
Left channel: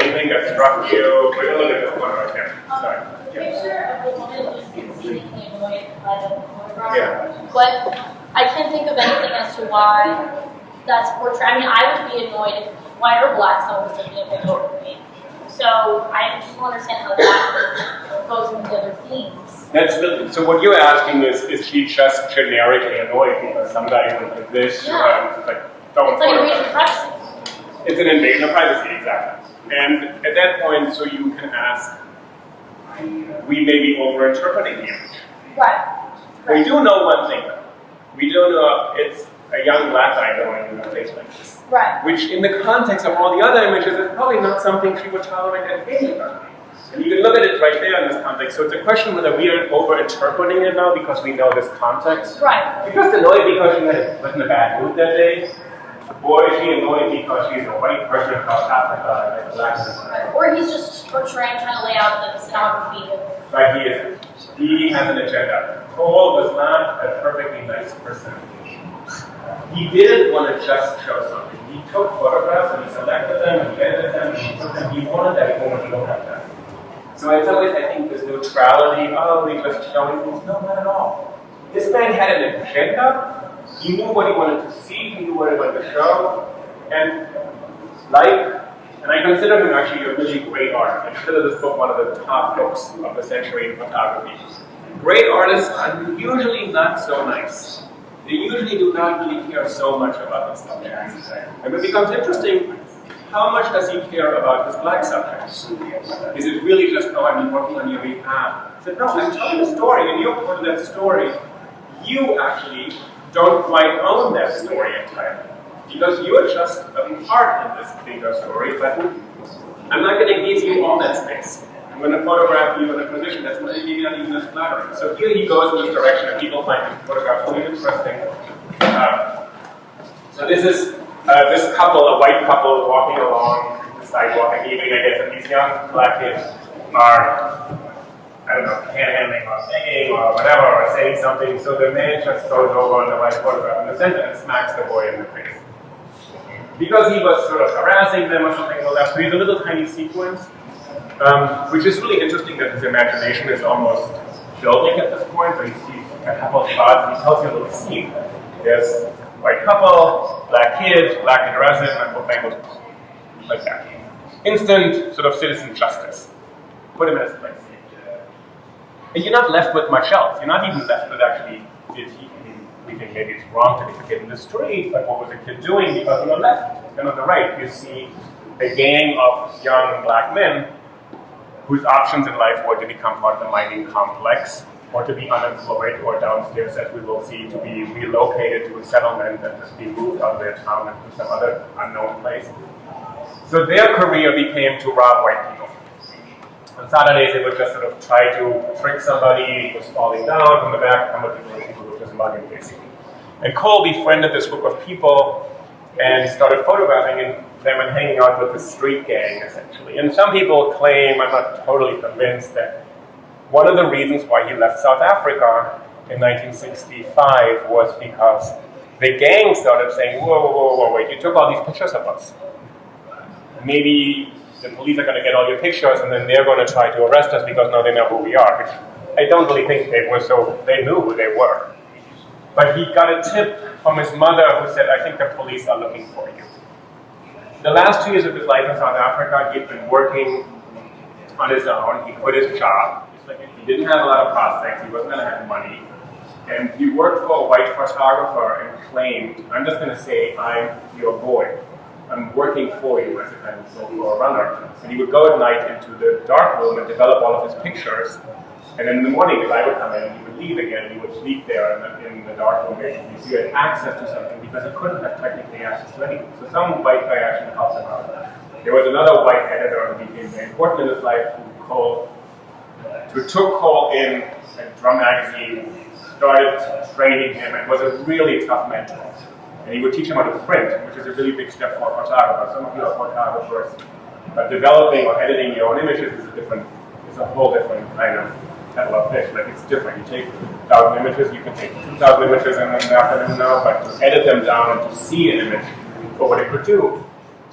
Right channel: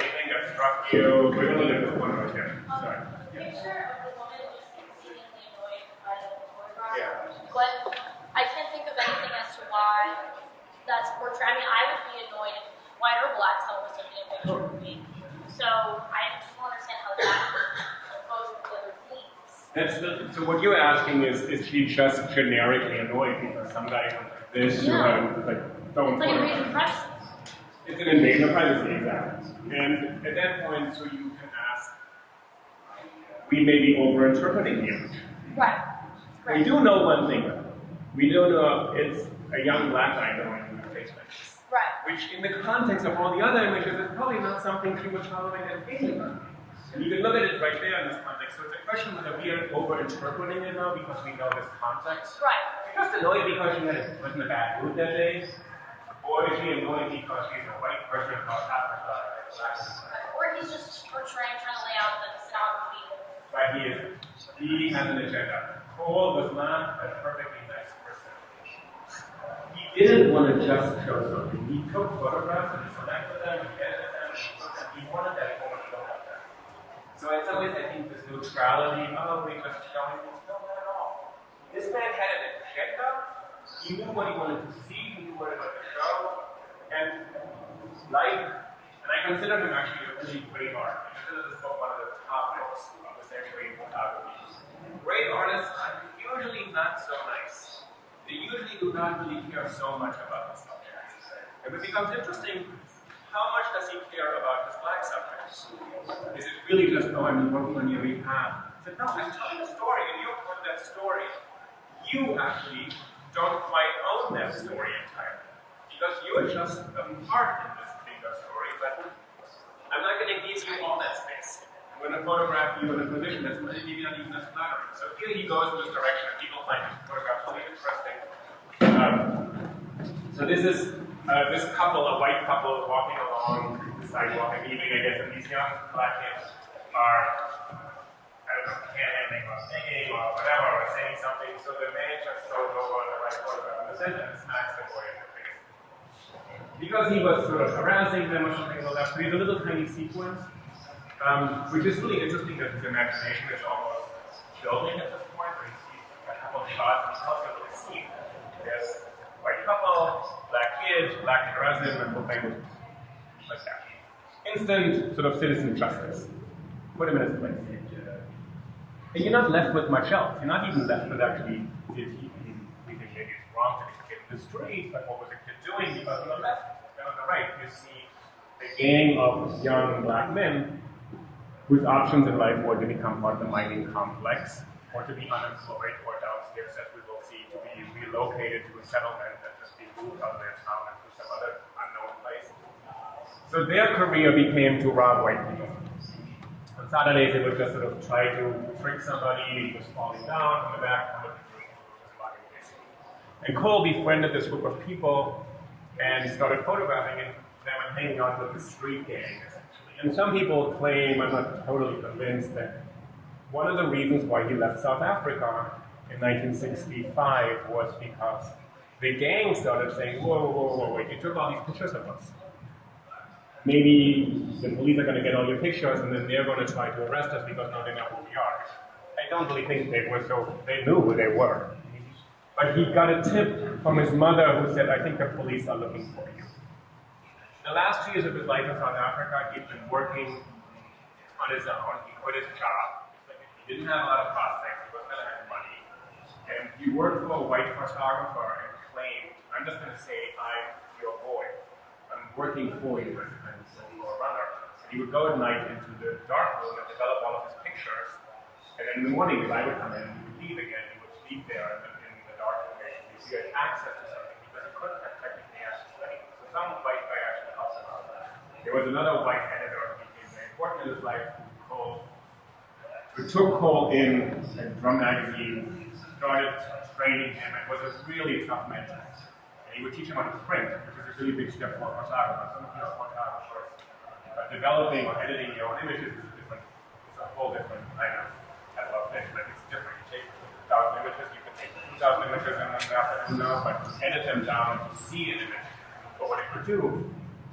Anything that struck you? We're gonna look at this one right here. Sorry. The picture of the woman who's exceedingly annoyed by the photograph. Yeah. But I can't think of anything as to why that's portrayed. I mean, I would be annoyed if white or black someone was taking a picture of me. So I just don't understand how that goes into the other themes. That's so what you're asking is she just generically annoyed because some guy went like this to her and like don't It's like photograph. invasion of privacy. It's an invasion of privacy, exactly. And at that point, so you can ask, we may be over-interpreting the image. Right. We do know one thing though. We do know it's a young black guy going in a face like this. Right. Which in the context of all the other images is probably not something she would tolerate at any time. And you can look at it right there in this context. So it's a question whether we are over-interpreting it now because we know this context. Right. You're just annoyed because she was in a bad mood that day. Or is she annoyed because she's a white person from South Africa and black person? Or he's just portraying, trying to lay out the stenography of. Right, he is. He has an agenda. Cole was not a perfectly nice person. He didn't want to just show something. He took photographs and he selected them and he edited them and he took them. He wanted that woman to look at them. So it's always, I think, this neutrality, oh, we just showing things. No, not at all. This man had an agenda. He knew what he wanted to see, he knew what he wanted to show, and I consider him actually a really great artist. I consider this book one of the top books of the century in photography. Great artists are usually not so nice. They usually do not really care so much about the subjects. And it becomes interesting, how much does he care about his black subjects? Is it really just, oh, I'm working on your behalf? I said, no, I'm telling a story, and you're part of that story. You actually don't quite own that story entirely. Because you're just a part in this bigger story, but I'm not going to give you all that space. I'm going to photograph you in a position that's maybe not even as flattering. So here he goes in this direction, and people find his photographs really interesting. So this is this couple, a white couple, walking along the sidewalk in the evening, I guess, and these young black kids are, I don't know, panhandling or singing or whatever, or saying something, so the man just goes over on the right photograph in the center and smacks the boy in the face. Because he was sort of harassing them or something on the left, so he's a little tiny sequence, which is really interesting that his imagination is almost building at this point, so he sees a couple of shots and he tells you a little scene. There's white couple, black kid, black resin, and both angles, like that. Instant sort of citizen justice. Put him in his place. And you're not left with much else. You're not even left with actually, we think maybe it's wrong to take a kid in the street, but what was the kid doing? Because on the left and on the right, you see a gang of young black men whose options in life were to become part of the mining complex, or to be unemployed, or downstairs, as we will see, to be relocated to a settlement and just be moved out of their town and to some other unknown place. So their career became to rob white people. On Saturdays, they would just sort of try to trick somebody who was falling down from the back, come with people who were just mugging, basically. And Cole befriended this group of people and started photographing them and hanging out with the street gang, essentially. And some people claim, I'm not totally convinced, that one of the reasons why he left South Africa in 1965 was because the gang started saying, whoa, wait, you took all these pictures of us. Maybe the police are going to get all your pictures and then they're going to try to arrest us because now they know who we are, which I don't really think they were, so they knew who they were. But he got a tip from his mother who said, I think the police are looking for you. The last 2 years of his life in South Africa, he'd been working on his own. He quit his job. He didn't have a lot of prospects. He wasn't going to have money. And he worked for a white photographer and claimed, I'm just going to say, I'm your boy. I'm working for you as a kind of social runner. And he would go at night into the dark room and develop all of his pictures. And then in the morning, the guy would come in and he would leave again. He would sleep there in the dark room, basically. So he had access to something because he couldn't have technically access to anything. So some white guy actually helped him out. There was another white editor who became very important in his life who took Cole in a drum magazine, started training him, and was a really tough mentor. And he would teach him how to print, which is a really big step for a photographer. Some of you are photographers, but developing or editing your own images is a whole different kind of kettle of fish. Like, it's different. You take 1,000 images, you can take 2,000 images in an afternoon now, but to edit them down and to see an image for what it could do,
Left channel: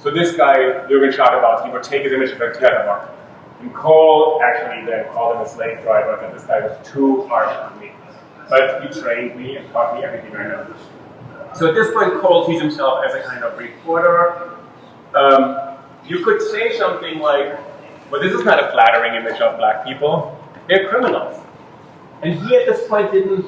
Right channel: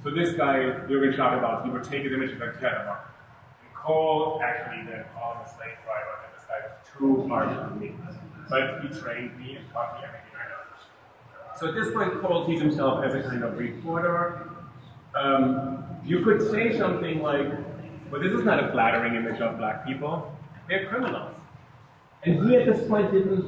So this guy, Jürgen Schadewald, he would take his images and tear them up. And Cole actually then called him a slave driver, that this guy was too harsh on me. But he trained me and taught me everything I know. So at this point, Cole sees himself as a kind of reporter. You could say something like, well, this is not a flattering image of black people. They're criminals. And he at this point didn't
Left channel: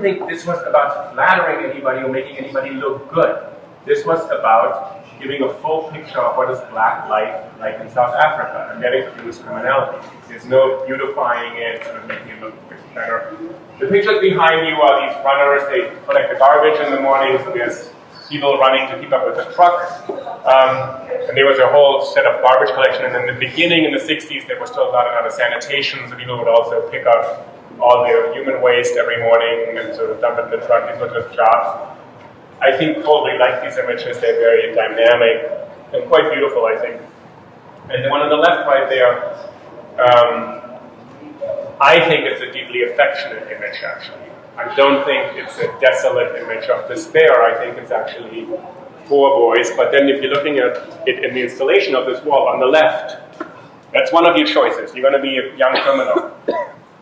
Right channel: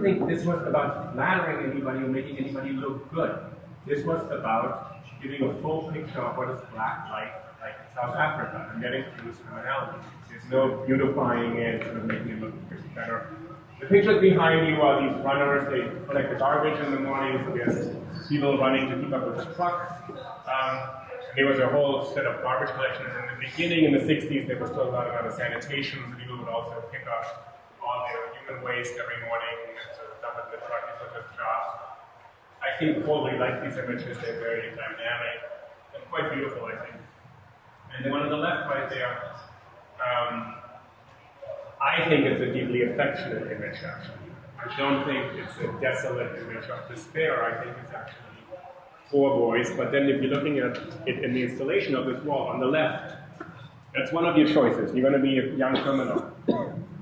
think this was about flattering anybody or making anybody look good. This was about giving a full picture of what is black life like in South Africa, and that includes criminality. There's no beautifying it, sort of making it look better. The pictures behind you are these runners. They collect the garbage in the morning, so there's people running to keep up with the truck. And there was a whole set of garbage collection, and in the beginning, in the 60s, there was still a lot of sanitation, so people would also pick up all the human waste every morning and sort of dump it in the truck. These were just jobs. I think probably like these images, they're very dynamic and quite beautiful, I think. And the one on the left right there, I think it's a deeply affectionate image, actually. I don't think it's a desolate image of despair. I think it's actually 4 boys. But then if you're looking at it in the installation of this wall on the left, that's one of your choices. You're going to be a young criminal.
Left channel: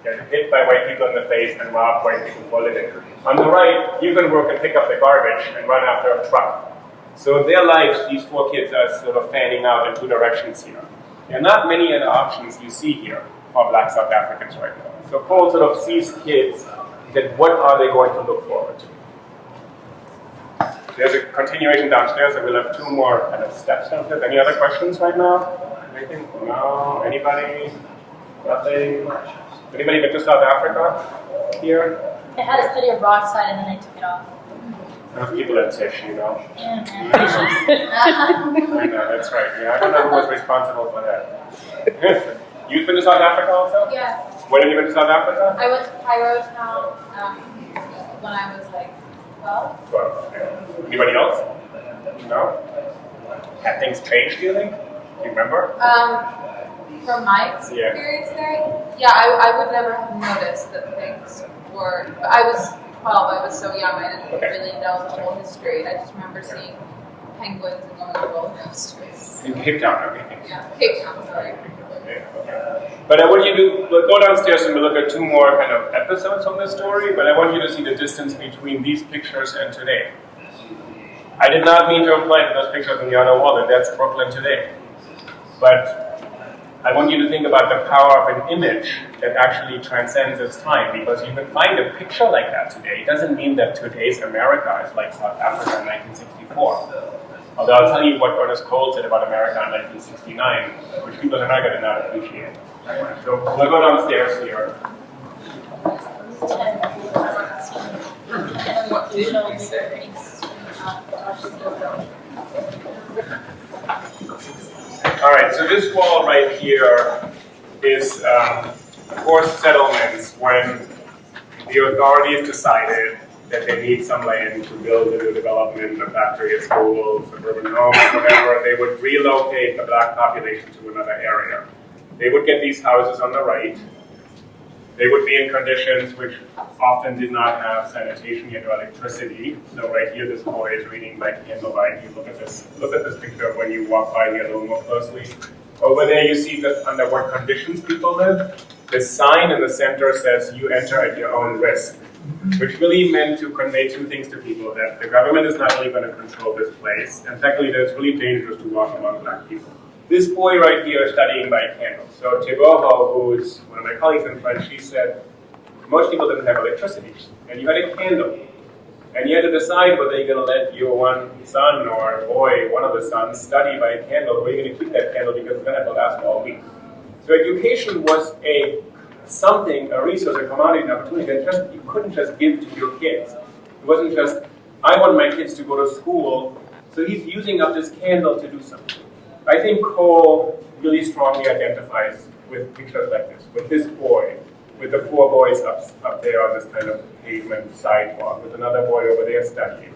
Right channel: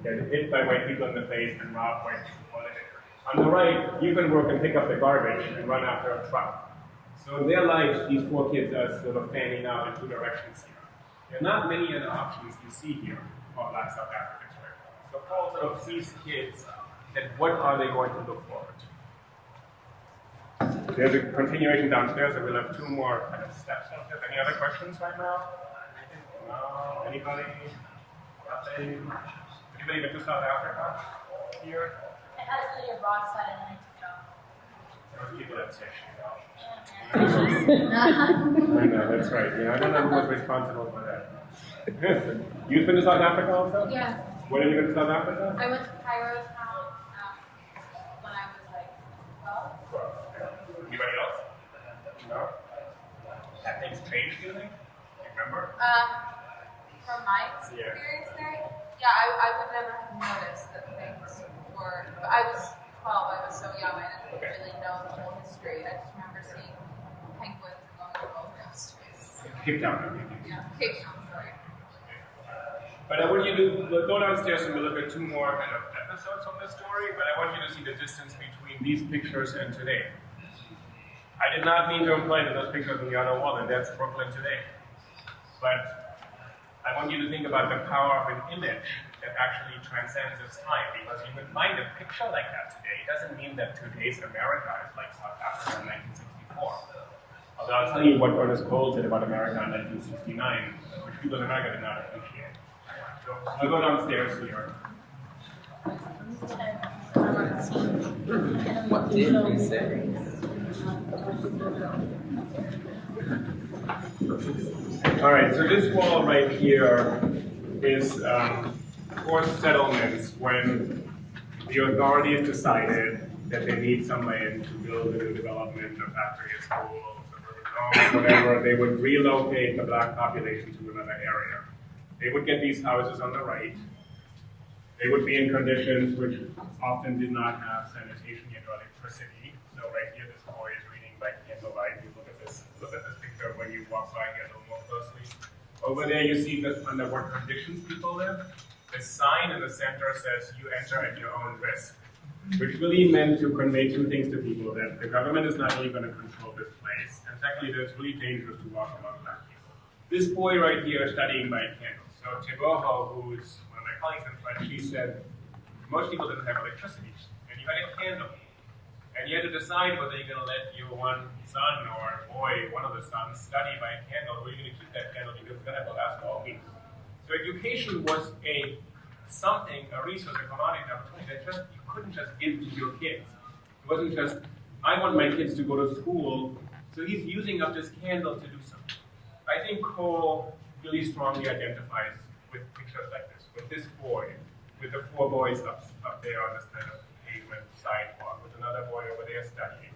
Get hit by white people in the face and rob white people for a living. On the right, you can work and pick up the garbage and run after a truck. So in their lives, these 4 kids are sort of fanning out in 2 directions here. There are not many other options you see here for black South Africans right now. So Cole sort of sees kids that what are they going to look forward to? There's a continuation downstairs, so we'll have 2 more kind of steps downstairs. Any other questions right now? Anything? No? Anybody? Nothing? Anybody been to South Africa here? They had a study abroad side and then they took it off. Enough people at Tisch, you know? Yeah, I know, that's right. Yeah, I don't know who was responsible for that. You've been to South Africa also? Yeah. When have you been to South Africa? I went to Cairo town when I was like 12. 12. Yeah. Anybody else? No? Have things changed, do you think? Do you remember? From my experience there, yeah, I would never have noticed that things were. I was 12. I was so young. I didn't really know the whole history. I just remember seeing penguins and going to roller coasters. In Cape Town, okay. Yeah, Cape Town. Sorry. Okay. But I want you to go downstairs and we'll look at 2 more kind of episodes on this story, but I want you to see the distance between these pictures and today. I did not mean to imply that those pictures on the other wall, that that's Brooklyn today. But I want you to think about the power of an image that actually transcends its time, because you can find a picture like that today. It doesn't mean that today's America is like South Africa in 1964. Although I'll tell you what Ernest Cole said about America in 1969, which people in America did not appreciate. So we'll go downstairs here. All right, so this wall right here is forced settlements when the authorities decided that they need some land to build a new development, a factory, a school, suburban home, whatever. They would relocate the black population to another area. They would get these houses on the right. They would be in conditions which often did not have sanitation yet or electricity. So right here, this boy is reading by candlelight. You look at this picture when you walk by here a little more closely. Over there, you see just under what conditions people live. This sign in the center says, "You enter at your own risk," which really meant to convey 2 things to people: that the government is not really going to control this place, and secondly, that it's really dangerous to walk among black people. This boy right here is studying by candle. So Teboho, who's one of my colleagues in French, she said, most people didn't have electricity, and you had a candle. And you had to decide whether you're going to let your one son or boy, one of the sons, study by a candle, or you're going to keep that candle because it's going to have to last all week. So education was a resource, a commodity, an opportunity that you couldn't just give to your kids. It wasn't just, I want my kids to go to school, so he's using up this candle to do something. I think Cole really strongly identifies with pictures like this, with this boy, with the 4 boys up there on this kind of pavement sidewalk, with another boy over there studying.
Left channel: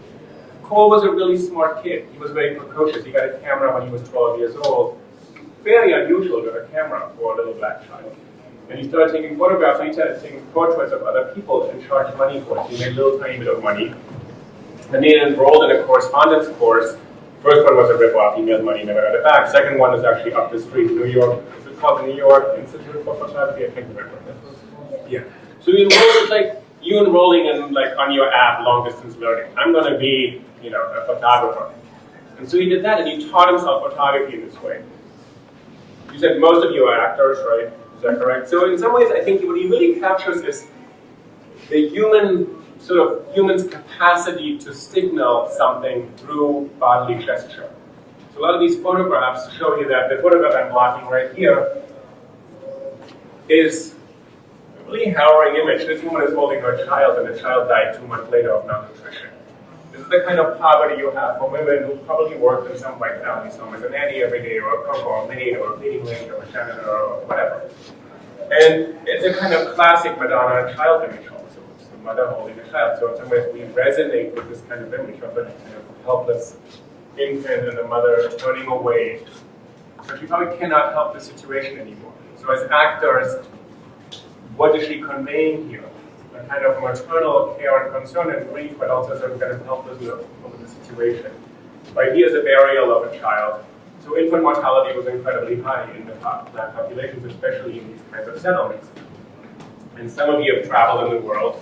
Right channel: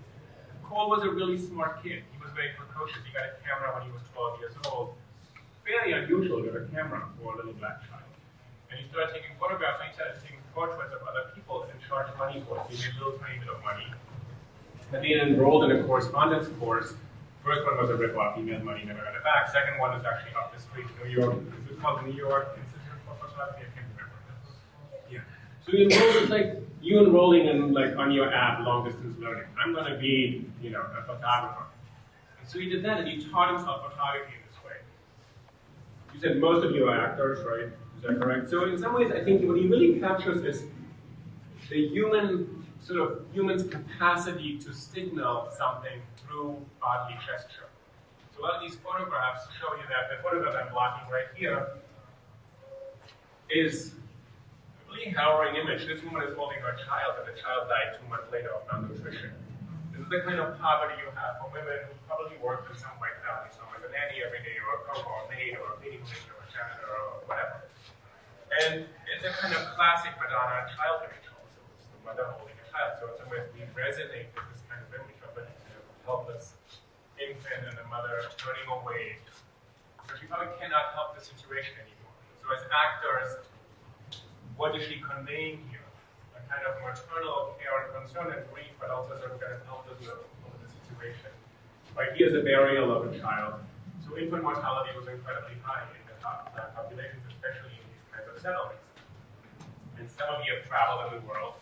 Cole was a really smart kid. He was very precocious. He got a camera when he was 12 years old. Very unusual to have a camera for a little black child. And he started taking photographs, and he started taking portraits of other people and charged money for it. He made a little tiny bit of money. And he enrolled in a correspondence course First one was a rip-off, he made money, never got it back. Second one is actually up the street, New York. Is it called the New York Institute for Photography? I can't remember. Yeah. So you enroll, like you enrolling in like on your app, long distance learning. I'm going to be, a photographer. And so he did that, and he taught himself photography in this way. You said most of you are actors, right? Is that correct? So in some ways, I think what he really captures is the human's capacity to signal something through bodily gesture. So a lot of these photographs show you that. The photograph I'm blocking right here is a really harrowing image. This woman is holding her child, and the child died 2 months later of malnutrition. This is the kind of poverty you have for women who probably worked in some white family, some as a nanny every day, or a cook, or a maid, or a cleaning lady, or a janitor, or whatever. And it's a kind of classic Madonna and child image also. It's the mother holding the child. So in some ways we resonate with this kind of image of a kind of helpless infant and the mother turning away. So she probably cannot help the situation anymore. So as actors, what is she conveying here? A kind of maternal care and concern and grief, but also some kind of helplessness over the situation. Right, here's a burial of a child. So infant mortality was incredibly high in the black populations, especially in these kinds of settlements. And some of you have traveled in the world,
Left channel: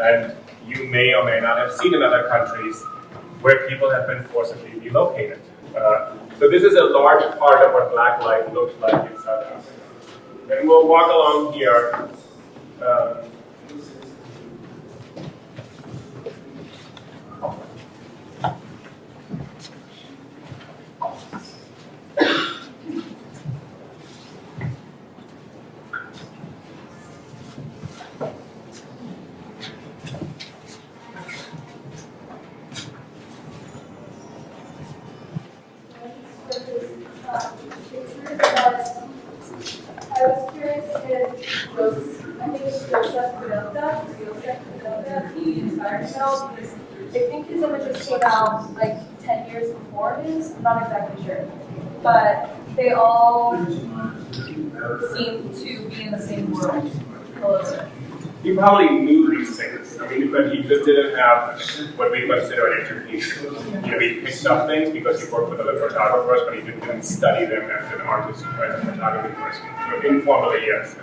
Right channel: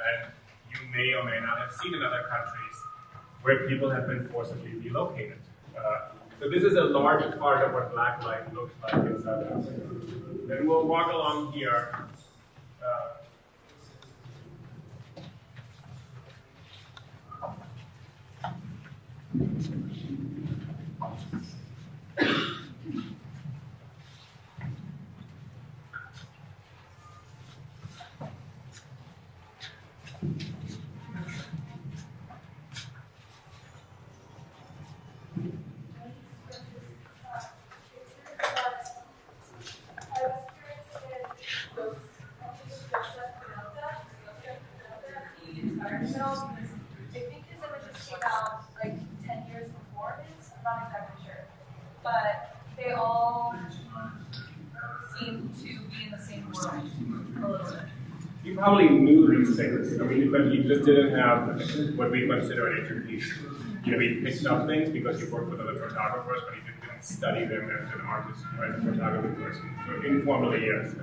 and you may or may not have seen in other countries where people have been forcibly relocated. So this is a large part of what black life looks like in South Africa. And we'll walk along here. I was curious if those, I think it's he inspired himself because I think his images came out like 10 years before his, I'm not exactly sure. But they all seem to be in the same world a little bit. He probably knew these things, but he just didn't have what we consider an education. He picked up things because he worked with other photographers, but he didn't study them as an artist or as a photography person. So informally, yes.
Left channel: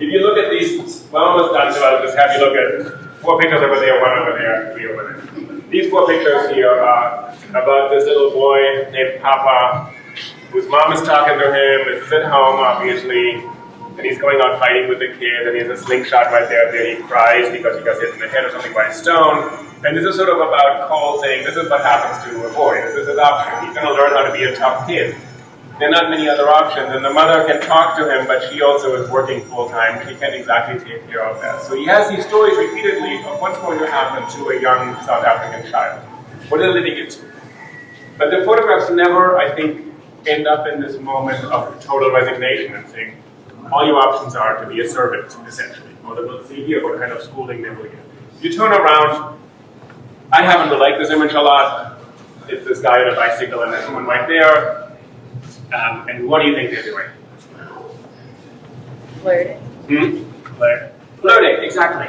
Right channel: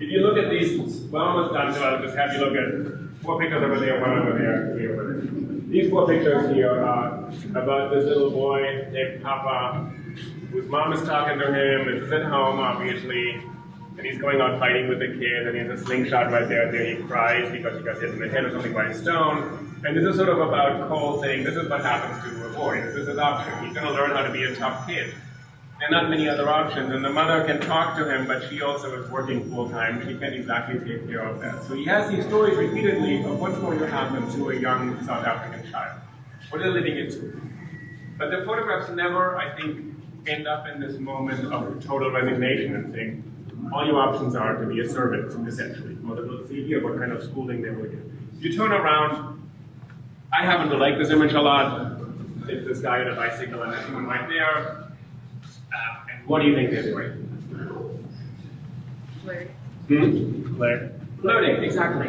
If you look at these, we're almost done, so I'll just have you look at 4 pictures over there, 1 over there, 3 over there. These 4 pictures here are about this little boy named Papa, whose mom is talking to him. This is at home, obviously. And he's going out fighting with the kid, and he has a slingshot right there. He cries because he got hit in the head or something by a stone. And this is sort of about Cole saying, this is what happens to a boy. This is his option. He's going to learn how to be a tough kid. There are not many other options, and the mother can talk to him, but she also is working full-time. She can't exactly take care of that. So he has these stories repeatedly of what's going to happen to a young South African child, what they're living into. But the photographs never, I think, end up in this moment of total resignation and saying, all your options are to be a servant, essentially. Or we'll see here what kind of schooling they will get. If you turn around, I happen to like this image a lot. It's this guy on a bicycle and this woman right there. And what do you think they're doing? Flirting. Flirting, exactly.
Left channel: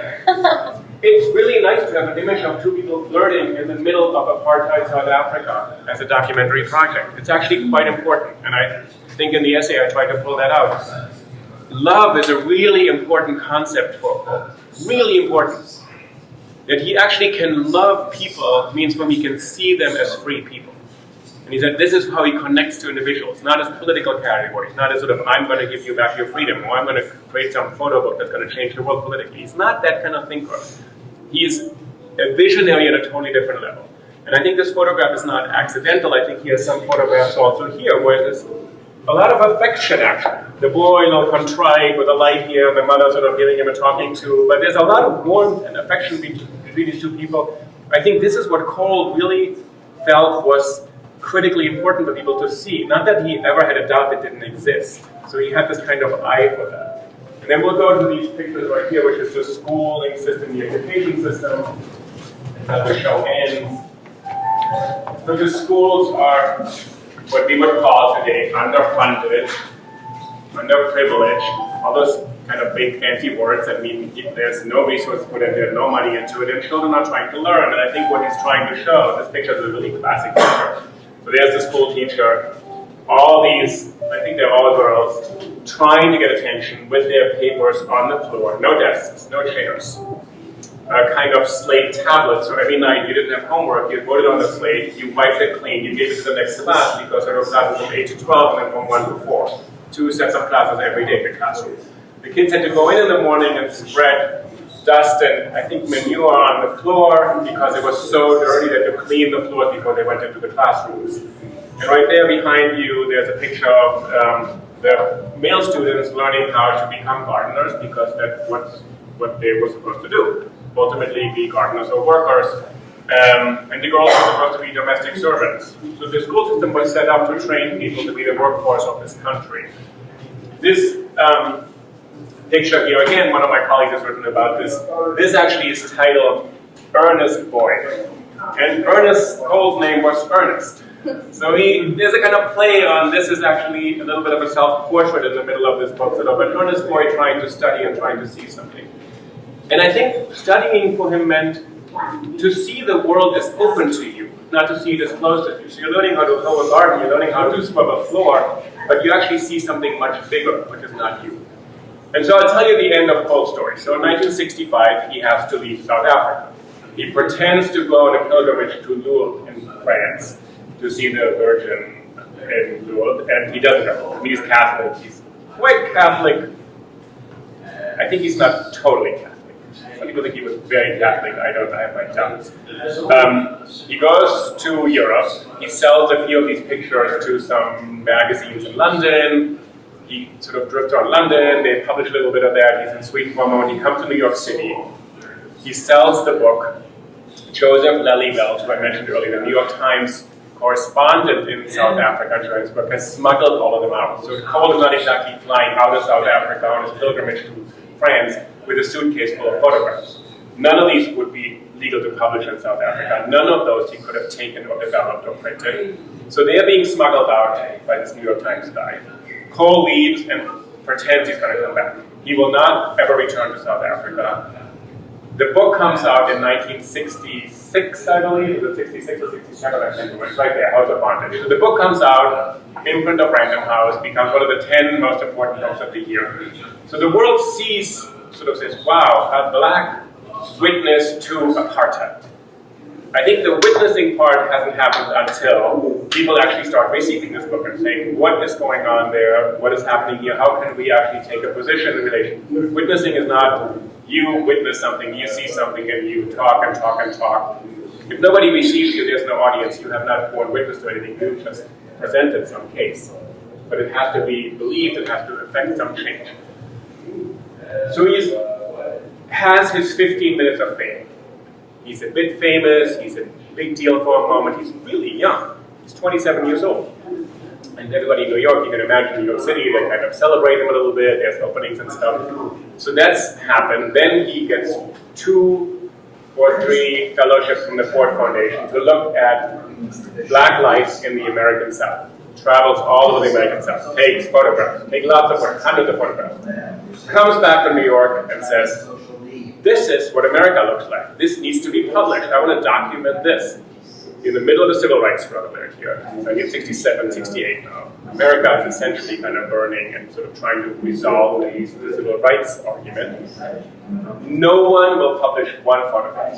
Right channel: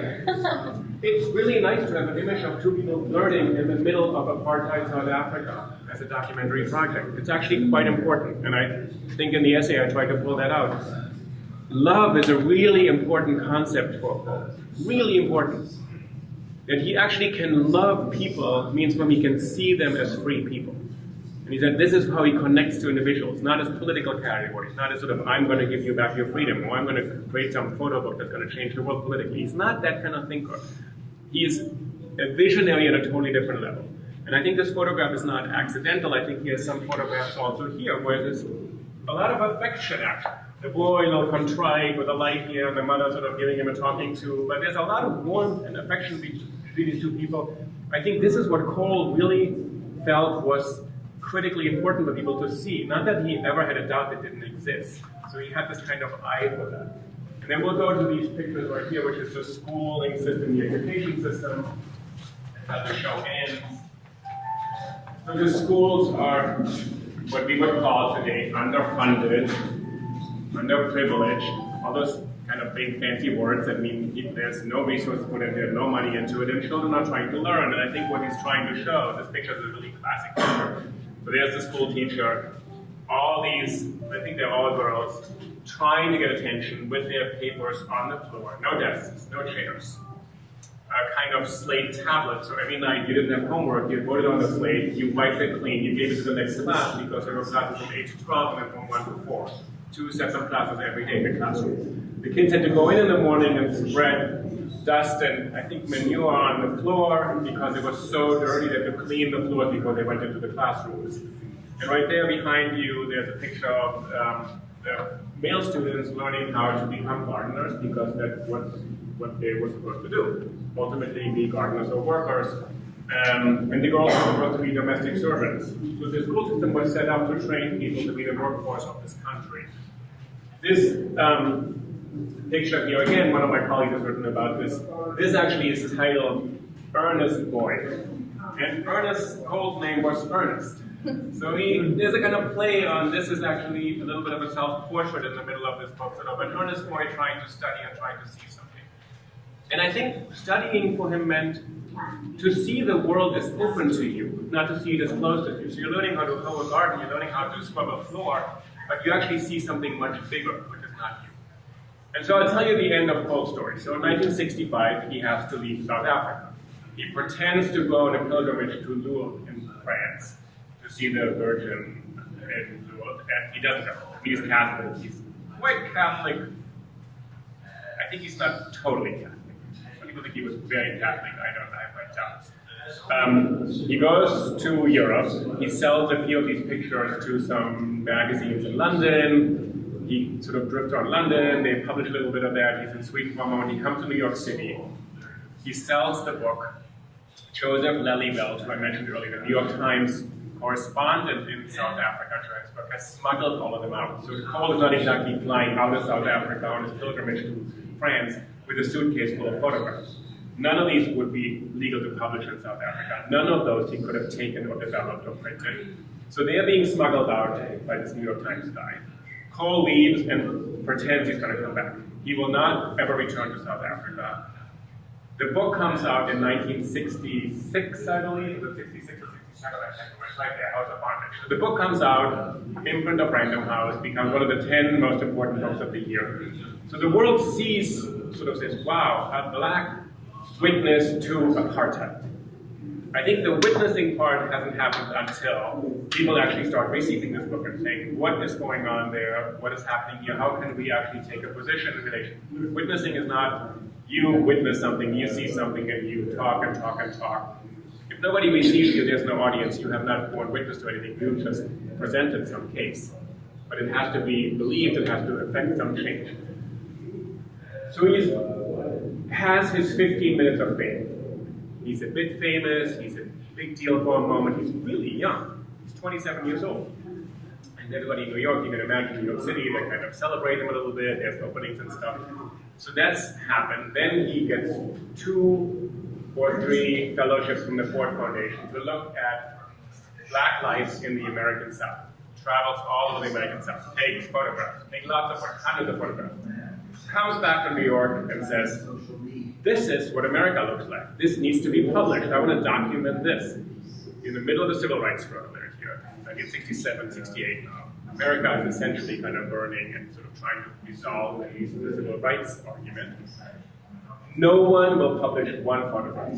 It's really nice to have an image of 2 people flirting in the middle of apartheid South Africa as a documentary project. It's actually quite important, and I think in the essay I tried to pull that out. Love is a really important concept for Cole. Really important. That he actually can love people means when he can see them as free people. And he said this is how he connects to individuals, not as political categories, not as sort of, I'm going to give you back your freedom, or I'm going to create some photo book that's going to change the world politically. He's not that kind of thinker. He's a visionary at a totally different level. And I think this photograph is not accidental. I think he has some photographs also here where there's a lot of affection, actually. The boy, contrite with a light here, the mother sort of giving him a talking to, but there's a lot of warmth and affection between these 2 people. I think this is what Cole really felt was critically important for people to see. Not that he ever had a doubt it didn't exist. So he had this kind of eye for that. And then we'll go to these pictures right here, which is the schooling system, the education system, and how the show ends. So the schools are what we would call today underfunded, underprivileged, all those kind of big fancy words that mean there's no resources put in there, no money into it, and children are trying to learn. And I think what he's trying to show, this picture is a really classic picture. So there's the school teacher, all these, I think they're all girls, trying to get attention with their papers on the floor, no desks, no chairs. Kind of slate tablets, so every night you didn't have homework, you wrote it on the slate, you wiped it clean, you gave it to the next class because there were classes from 8 to 12 and then from 1 to 4. 2 sets of classes every day in the classroom. The kids had to go in the morning and spread dust and I think manure on the floor because it was so dirty they had to clean the floor before they went into the classrooms. And right there behind you, there's a picture of the male students learning how to become gardeners because that's what they were supposed to do. Ultimately be gardeners or workers. And the girls were supposed to be domestic servants. So the school system was set up to train people to be the workforce of this country. This picture here, again, one of my colleagues has written about this. This actually is titled Ernest Boy. And Ernest's Cole's name was Ernest. So there's a kind of play on, this is actually a little bit of a self-portrait in the middle of this book, sort of an earnest boy trying to study and trying to see something. And I think studying for him meant to see the world as open to you, not to see it as closed to you. So you're learning how to hoe a garden, you're learning how to scrub a floor, but you actually see something much bigger, which is not you. And so I'll tell you the end of Cole's story. So in 1965, he has to leave South Africa. He pretends to go on a pilgrimage to Lourdes in France to see the Virgin in Lourdes, and he doesn't go. He's Catholic. He's quite Catholic. I think he's not totally Catholic. Some people think he was very Catholic. I have my doubts. He goes to Europe. He sells a few of these pictures to some magazines in London. He sort of drifts around London. They publish a little bit of that. He's in Sweden for a moment. He comes to New York City. He sells the book. Joseph Lelyveld, who I mentioned earlier, the New York Times correspondent in South Africa, Johannesburg, has smuggled all of them out. So Cole is not exactly flying out of South Africa on his pilgrimage to France with a suitcase full of photographs. None of these would be legal to publish in South Africa. None of those he could have taken or developed or printed. So they are being smuggled out by this New York Times guy. Cole leaves and pretends he's going to come back. He will not ever return to South Africa. The book comes out in 1966, I believe. Was it 66 or 67? I think it's right there, House of Bondage. So the book comes out, imprint of Random House, becomes one of the 10 most important books of the year. So the world sees, sort of says, wow, a black witness to apartheid. I think the witnessing part hasn't happened until people actually start receiving this book and saying, what is going on there? What is happening here? How can we actually take a position in relation? Witnessing is not you witness something, you see something, and you talk and talk and talk. If nobody receives you, there's no audience. You have not borne witness to anything. You've just presented some case. But it has to be believed. It has to affect some change. So he has his 15 minutes of fame. He's a bit famous. He's a big deal for a moment. He's really young. He's 27 years old. And everybody in New York, you can imagine New York City, they kind of celebrate him a little bit. There's openings and stuff. So that's happened. Then he gets 2 or 3 fellowships from the Ford Foundation to look at black life in the American South. Travels all over the American South, takes photographs, takes lots of photographs, hundreds of photographs. Comes back to New York and says, this is what America looks like. This needs to be published. I want to document this. In the middle of the civil rights struggle there here, I think 67, 68 now. America is essentially kind of burning and sort of trying to resolve the civil rights argument. No one will publish one photograph.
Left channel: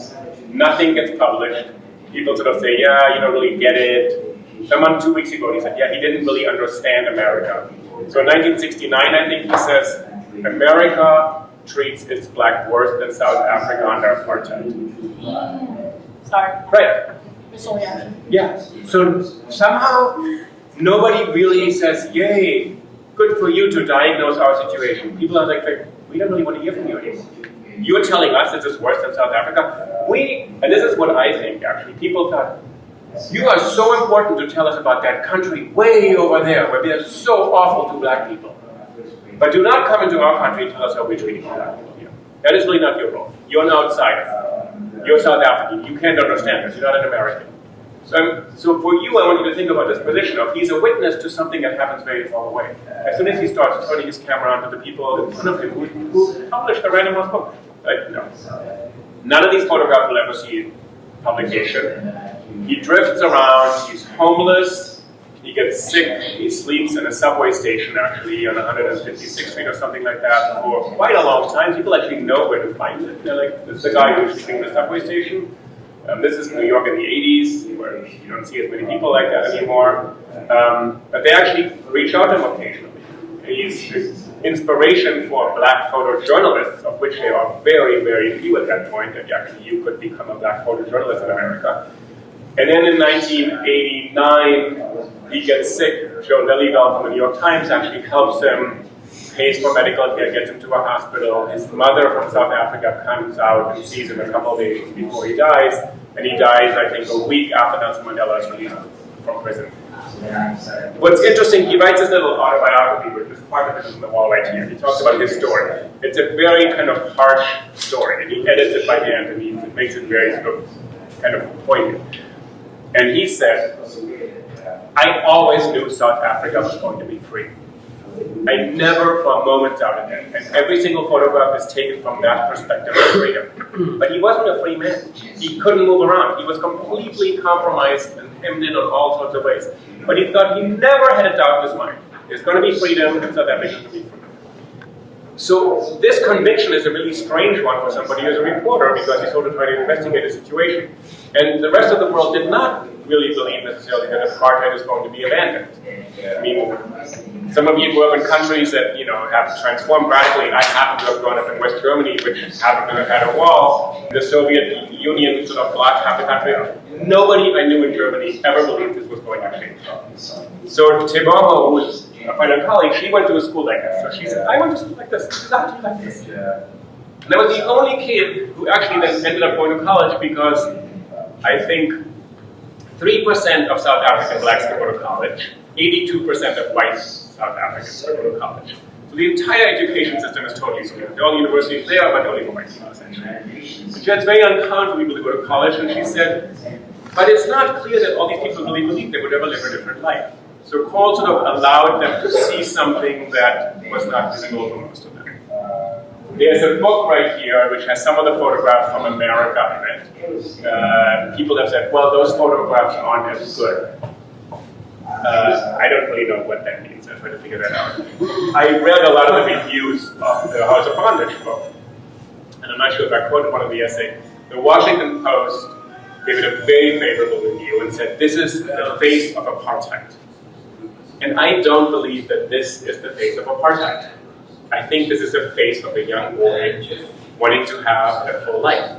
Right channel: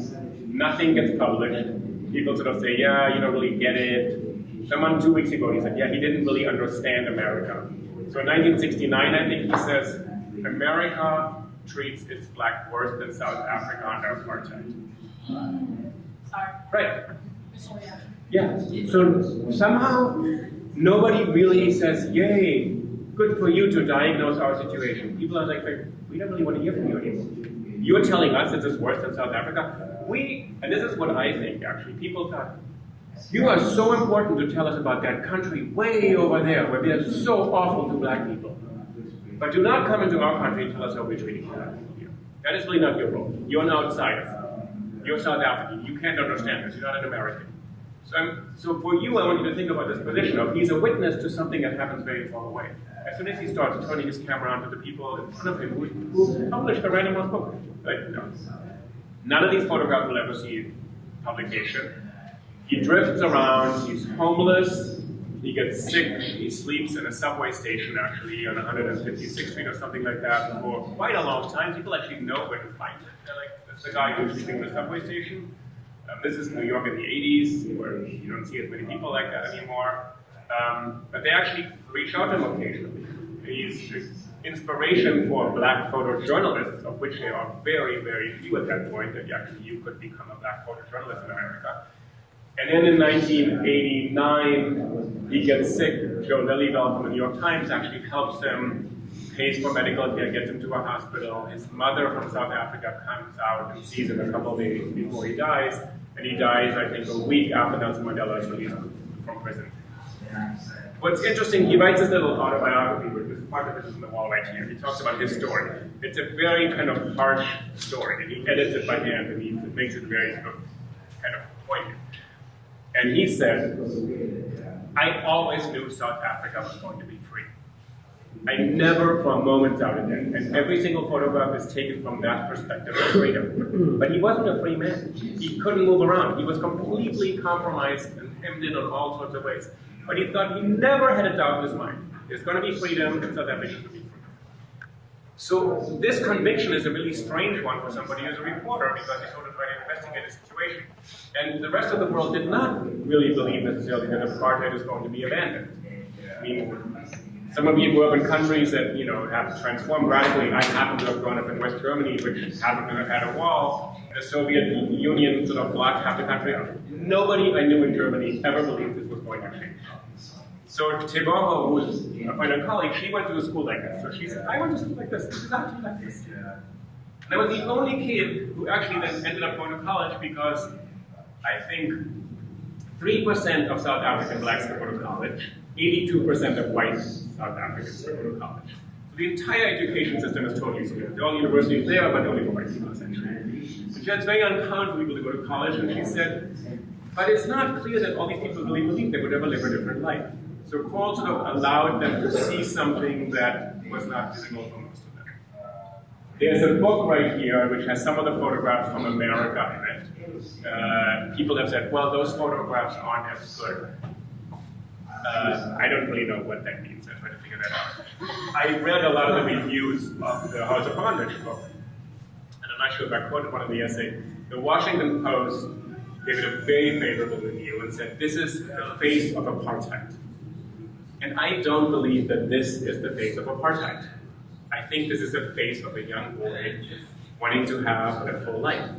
Nothing gets published. People sort of say, yeah, you don't really get it. Someone 2 weeks ago, he said, yeah, he didn't really understand America. So in 1969, I think he says, America treats its black worse than South Africa under apartheid. Sorry. Right. Yeah. So somehow nobody really says, yay, good for you to diagnose our situation. People are like, we don't really want to hear from you anymore. You're telling us this is worse than South Africa. And this is what I think actually, people thought, you are so important to tell us about that country way over there where we are so awful to black people. But do not come into our country and tell us how we're treating black people here. That is really not your role. You're an outsider. You're South African. You can't understand this. You're not an American. So for you, I want you to think about this position of he's a witness to something that happens very far away. As soon as he starts turning his camera on to the people in front of him who published the Random House book, like, no. None of these photographs will ever see publication. He drifts around, he's homeless, he gets sick, he sleeps in a subway station actually on 156th Street or something like that for quite a long time. People actually know where to find it. They're like, this is the guy who's sleeping in the subway station. This is New York in the 80s, where you don't see as many people like that anymore. But they actually reach out to him occasionally. He's inspiration for black photojournalists, of which there are very, very few at that point, that actually you could become a black photojournalist in America. And then in 1989, he gets sick. Joe Lillyveld from the New York Times actually helps him, pays for medical care, gets him to a hospital. His mother from South Africa comes out and sees him a couple of days before he dies, and he dies, I think, a week after Nelson Mandela is released from prison. What's interesting, he writes this little autobiography, which is part of it is on the wall right here. He talks about his story. It's a very kind of harsh story, and he edits it by hand, and he makes it very sort of kind of poignant. And he said, I always knew South Africa was going to be free. I never for a moment doubted it. And every single photograph is taken from that perspective of freedom. But he wasn't a free man. He couldn't move around. He was completely compromised and hemmed in on all sorts of ways. But he thought he never had a doubt in his mind. There's going to be freedom, and South Africa is going to be free. So this conviction is a really strange one for somebody who's a reporter, because he's sort of trying to investigate a situation. And the rest of the world did not really believe necessarily that apartheid is going to be abandoned. I mean, some of you grew up in countries that, you know, have transformed radically. I happen to have grown up in West Germany, which happened to have had a wall. The Soviet Union sort of blocked half the country. Nobody I knew in Germany ever believed this was going to change. So Teboho, who is a final colleague, she went to a school like this. So she said, I went to school like this, exactly like this. And I was the only kid who actually then ended up going to college, because I think 3% of South African blacks could go to college, 82% of white South Africans could go to college. So the entire education system is totally skewed. There are all universities there, but only for white people, essentially. And she said, it's very uncommon for people to go to college, and she said, but it's not clear that all these people really believed they would ever live a different life. So Coral sort of allowed them to see something that was not visible for most of them. There's a book right here which has some of the photographs from America in it. People have said, well, those photographs aren't as good. I don't really know what that means. I tried to figure that out. I read a lot of the reviews of the House of Bondage book, and I'm not sure if I quoted one of the essays. The Washington Post gave it a very favorable review and said, this is the face of apartheid. And I don't believe that this is the face of apartheid. I think this is the face of a young boy wanting to have a full life.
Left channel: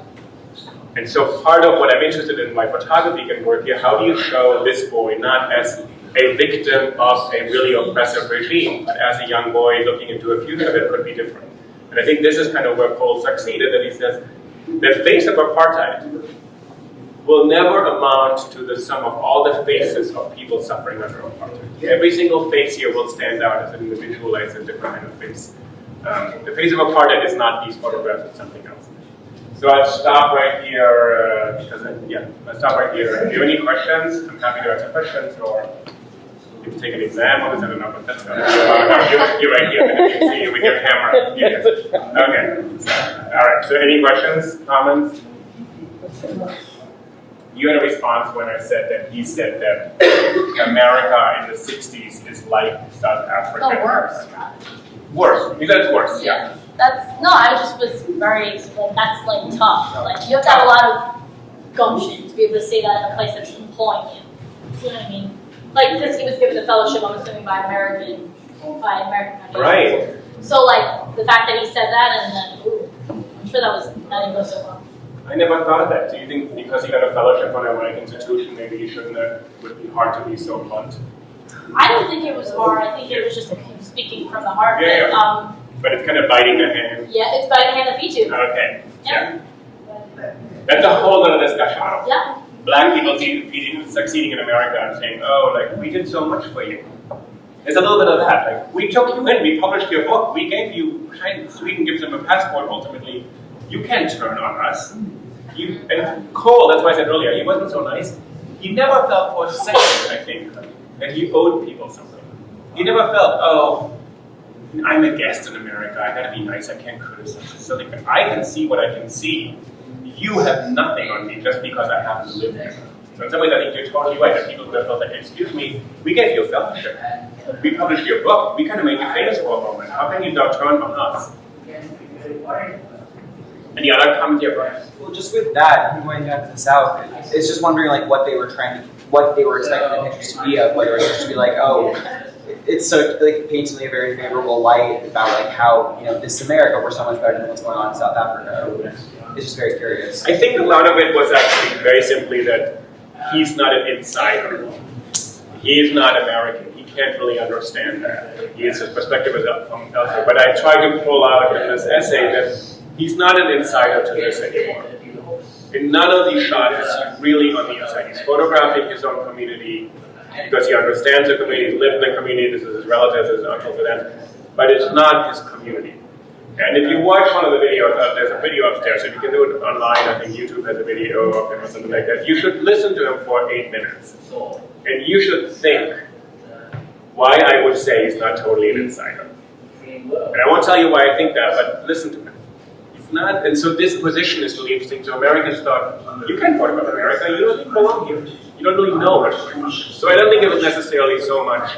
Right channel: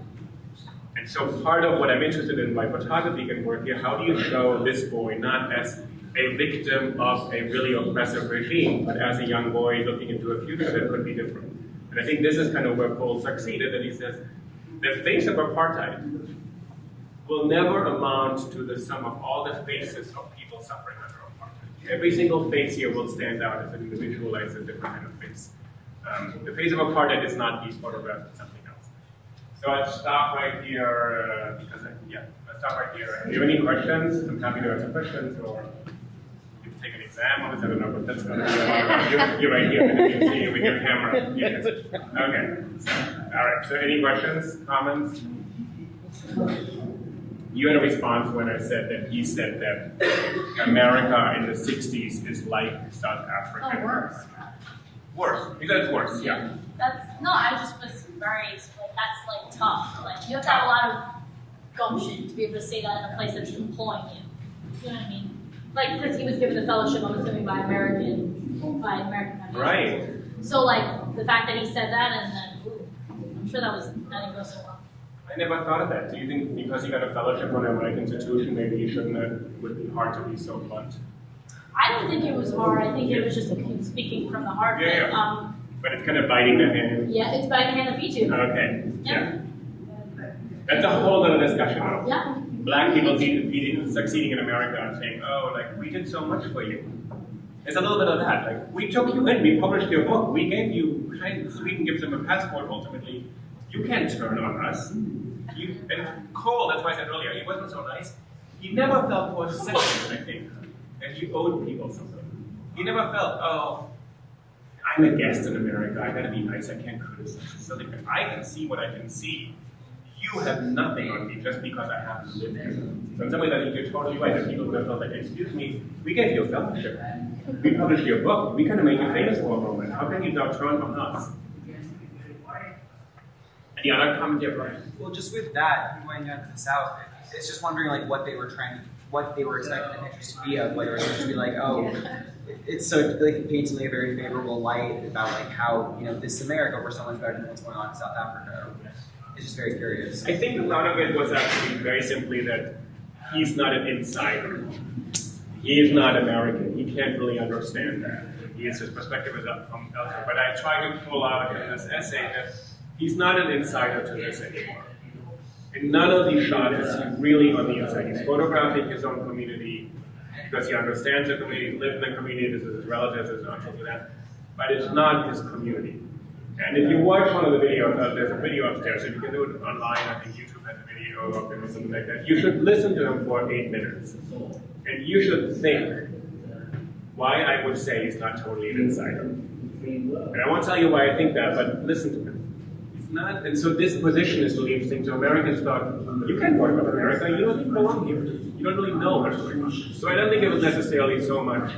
And so part of what I'm interested in my photography can work here, how do you show this boy not as a victim of a really oppressive regime, but as a young boy looking into a future that could be different. And I think this is kind of where Cole succeeded, that he says, the face of apartheid will never amount to the sum of all the faces of people suffering under apartheid. Every single face here will stand out as an individualized and different kind of face. The face of apartheid is not these photographs, it's something else. So I'll stop right here, I'll stop right here. If you have any questions, I'm happy to answer questions, or you can take an exam on this, I don't know, but that's going to be about you're right here, and you can see you with your camera. Yes. Okay, all right, so any questions, comments? You had a response when I said that he said that America in the 60s is like South Africa. Oh, worse. Worse. You said it's worse, yeah. I just was very, that's like tough. Like, you have to have a lot of gumption to be able to say that in a place that's employing you. You know what I mean? Like, because he was given a fellowship, I'm assuming, by American countries. Right. So, like, the fact that he said that, and then, I'm sure that didn't go so well. I never thought of that. Do you think because he got a fellowship from a white institution, maybe he shouldn't have, would be hard to be so blunt? I don't think it was hard. I think it was just him speaking from the heart. Yeah. But it's kind of biting the hand. Yeah, it's biting the hand that feeds you. Okay. Yeah. That's a whole other discussion. Yeah. Black people succeeding in America and saying, oh, like, we did so much for you. There's a little bit of that. Like, we took you in, we published your book, we gave you, Sweden gives them a passport ultimately. You can't turn on us. And Cole, that's why I said earlier, he wasn't so nice. He never felt for a second, I think, that he owed people something. He never felt, oh, I'm a guest in America, I gotta be nice, I can't criticize. So like, I can see what I can see. You have nothing on me just because I happen to live here. So in some ways, I think you're totally right that people will feel like, excuse me, we gave you a fellowship. We published your book. We kind of made you famous for a moment. How can you now turn on us? Any other comments here, Brian? Well, just with that, going down to the South, it's just wondering like what they were expecting the pictures to be of, whether it was just to be like, oh, it's so like it paints me a very favorable light about like how this is America, we're so much better than what's going on in South Africa. It's just very curious. I think a lot of it was actually very simply that he's not an insider. He is not American. He can't really understand that. His perspective is from elsewhere. But I tried to pull out in this essay that he's not an insider to this anymore. In none of these shots is he really on the inside. He's photographing his own community because he understands the community, he's lived in the community, this is his relatives, his uncles, and aunts, but it's not his community. And if you watch one of the videos, there's a video upstairs, so you can do it online. I think YouTube has a video of him or something like that. You should listen to him for 8 minutes. And you should think why I would say he's not totally an insider. And I won't tell you why I think that, but listen to him. He's not, and so this position is really interesting. So Americans thought, you can't talk about America, you don't belong here. You don't really know what's going on. So I don't think it was necessarily so much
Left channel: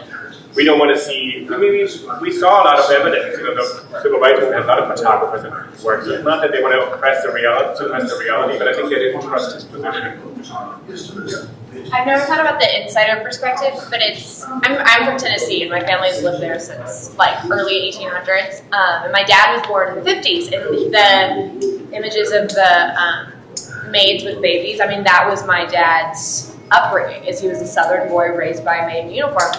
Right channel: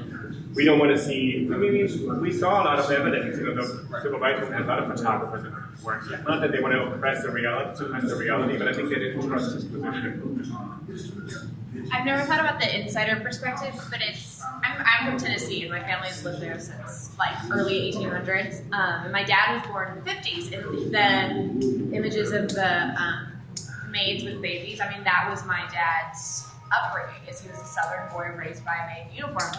we don't want to see, I mean, we saw a lot of evidence, the civil rights movement had a lot of photographers that worked. So it's not that they want to oppress the reality, but I think they didn't trust his position. I've never thought about the insider perspective, but I'm from Tennessee, and my family's lived there since like early 1800s. And my dad was born in the 50s, and the images of the maids with babies, I mean, that was my dad's upbringing, is he was a Southern boy raised by a maid in uniform.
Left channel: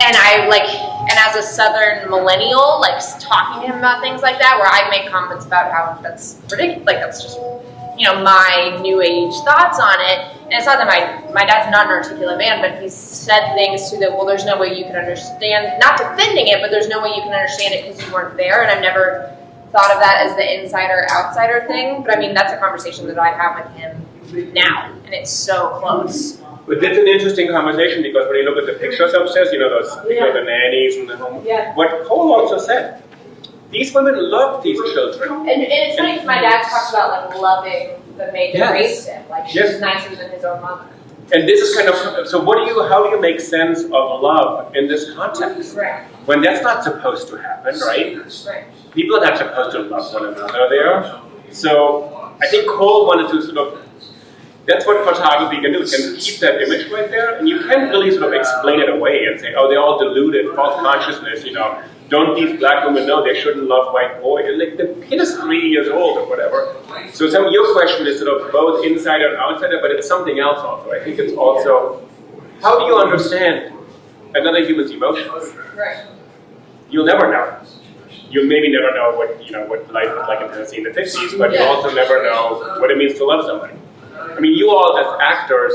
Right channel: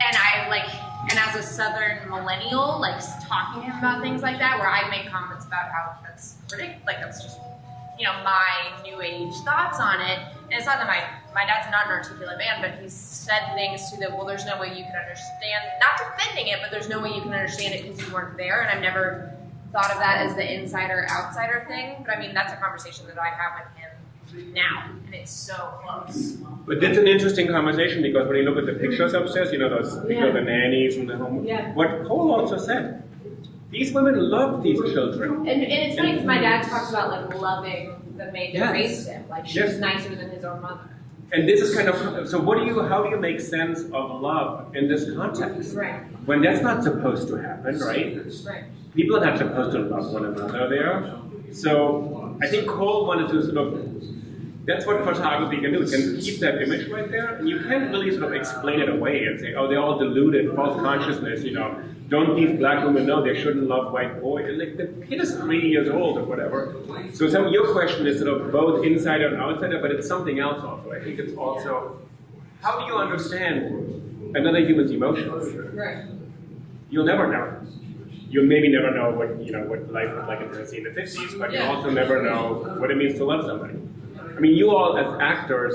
And as a Southern millennial, like talking to him about things like that, where I make comments about how that's ridiculous, like that's just, my new age thoughts on it. And it's not that my dad's not an articulate man, but he's said things to the, well, there's no way you can understand, not defending it, but there's no way you can understand it because you weren't there. And I've never thought of that as the insider-outsider thing. But I mean, that's a conversation that I have with him now, and it's so close. But it's an interesting conversation because when you look at the pictures upstairs, those the nannies and the home. Yeah. What Cole also said, these women love these children. And it's funny because my dad talks about like loving the maid that raised him, like she's nicer than his own mother. And this is kind of so. How do you make sense of love in this context? Right. When that's not supposed to happen, right? Right. People are not supposed to love one another there. So I think Cole wanted to sort of. That's what photography can do. It can keep that image right there, and you can't really sort of explain it away and say, oh, they're all deluded, false consciousness, Don't these black women know they shouldn't love white boys? Like, the kid is 3 years old or whatever. So your question is sort of both insider and outsider, but it's something else also. I think it's also, how do you understand another human's emotions? Right. You'll never know. You'll maybe never know what life was like in Tennessee in the 50s, but you also never know what it means to love somebody. I mean, you all as actors,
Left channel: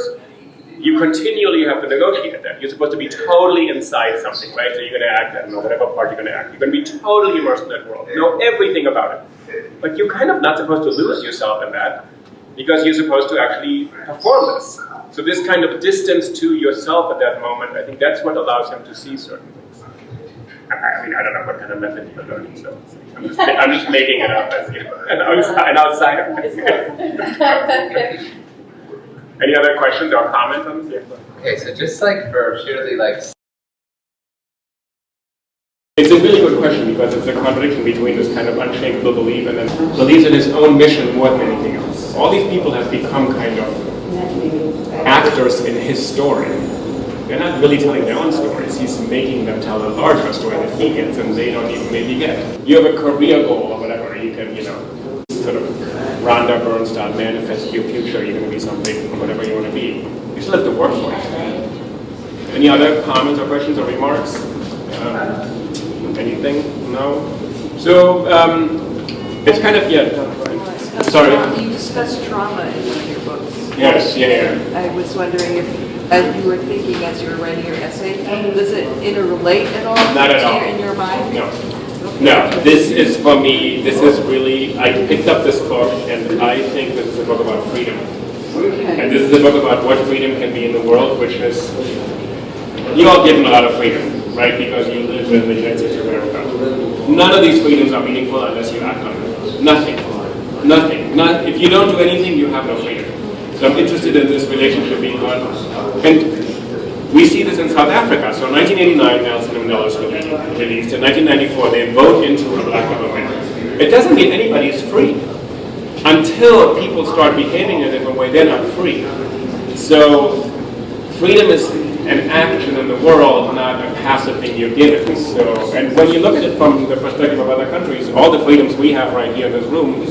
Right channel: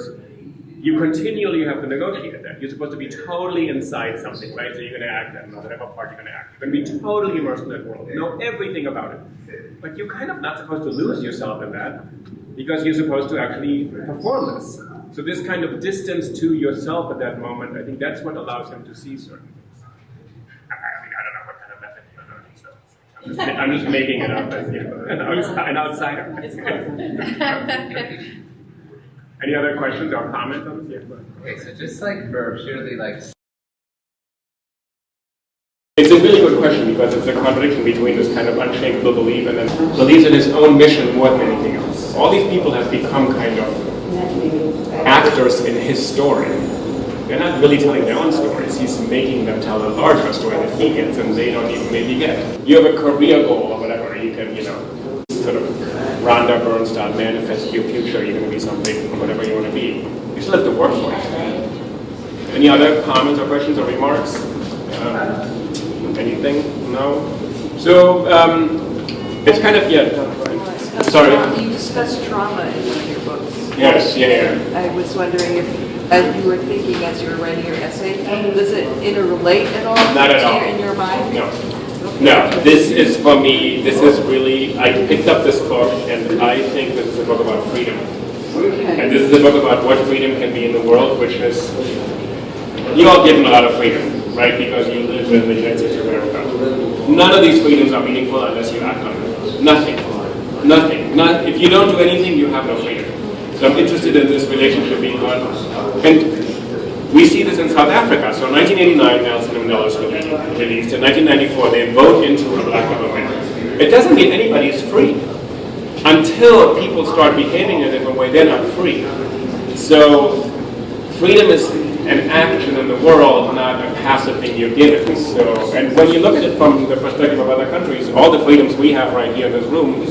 you continually have to negotiate that. You're supposed to be totally inside something, right? So you're going to act, I don't know, whatever part you're going to act. You're going to be totally immersed in that world, know everything about it. But you're kind of not supposed to lose yourself in that because you're supposed to actually perform this. So this kind of distance to yourself at that moment, I think that's what allows him to see certain things. I mean, I don't know what kind of method you're learning, so I'm just making it up as an outsider. Any other questions or comments on this? Okay, so just like for purely like. It's a really good question because it's a contradiction between this kind of unshakable belief and then believes in his own mission more than anything else. All these people have become kind of actors in his story. They're not really telling their own stories. He's making them tell a larger story that he gets and they don't even maybe get. You have a career goal or whatever. You can, sort of Rhonda Byrne style manifest your future. You're going to be something or whatever you want to be. You still have to work for it. Any other comments or questions or remarks? Anything? No? So, it's kind of, sorry. You discussed trauma in one of your books. Yes, yeah. I was wondering if, as you were thinking as you were writing your essay, does it interrelate at all? Not at all. In your mind? No. No, this is for me, this is really, I picked up this book and I think this is a book about freedom. And this is a book about what freedom can be in the world, which is, you all given a lot of freedom, right? Because you live in the United States of America. None of these freedoms are meaningful unless you act on them. Nothing. Nothing. If you don't do anything, you have no freedom. So I'm interested in this relationship being on. And we see this in South Africa. So in 1989, Nelson Mandela was released. In 1994, they vote into a black government. It doesn't mean anybody is free. Until people start behaving in a different way, they're not free. So freedom is an action in the world, not a passive thing you're given. So, and when you look at it from the perspective of other countries, all the freedoms we have right here in this room,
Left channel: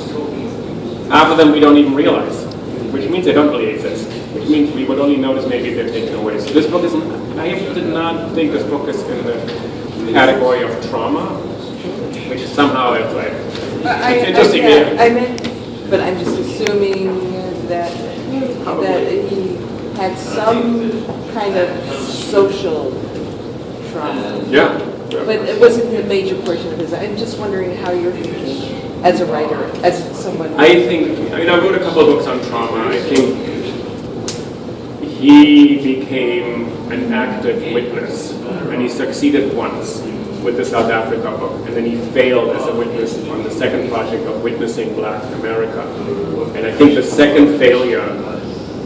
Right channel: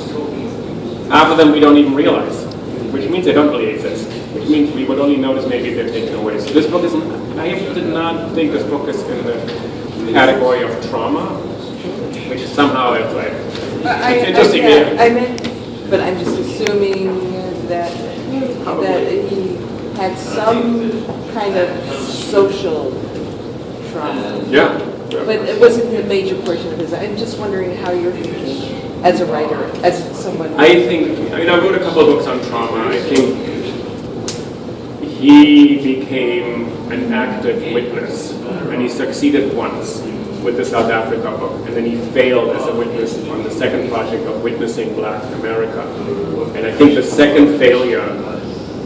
half of them we don't even realize, which means they don't really exist, which means we would only notice maybe if they're taken away. So this book is, I did not think this book is in the category of trauma, which somehow it's like, it's interesting. I meant, but I'm just assuming that he had some kind of social trauma. Yeah. But it wasn't the major portion of his. I'm just wondering how you're thinking as a writer, as someone. I wrote a couple of books on trauma. I think he became an active witness, and he succeeded once with the South Africa book, and then he failed as a witness on the second project of witnessing Black America. And I think the second failure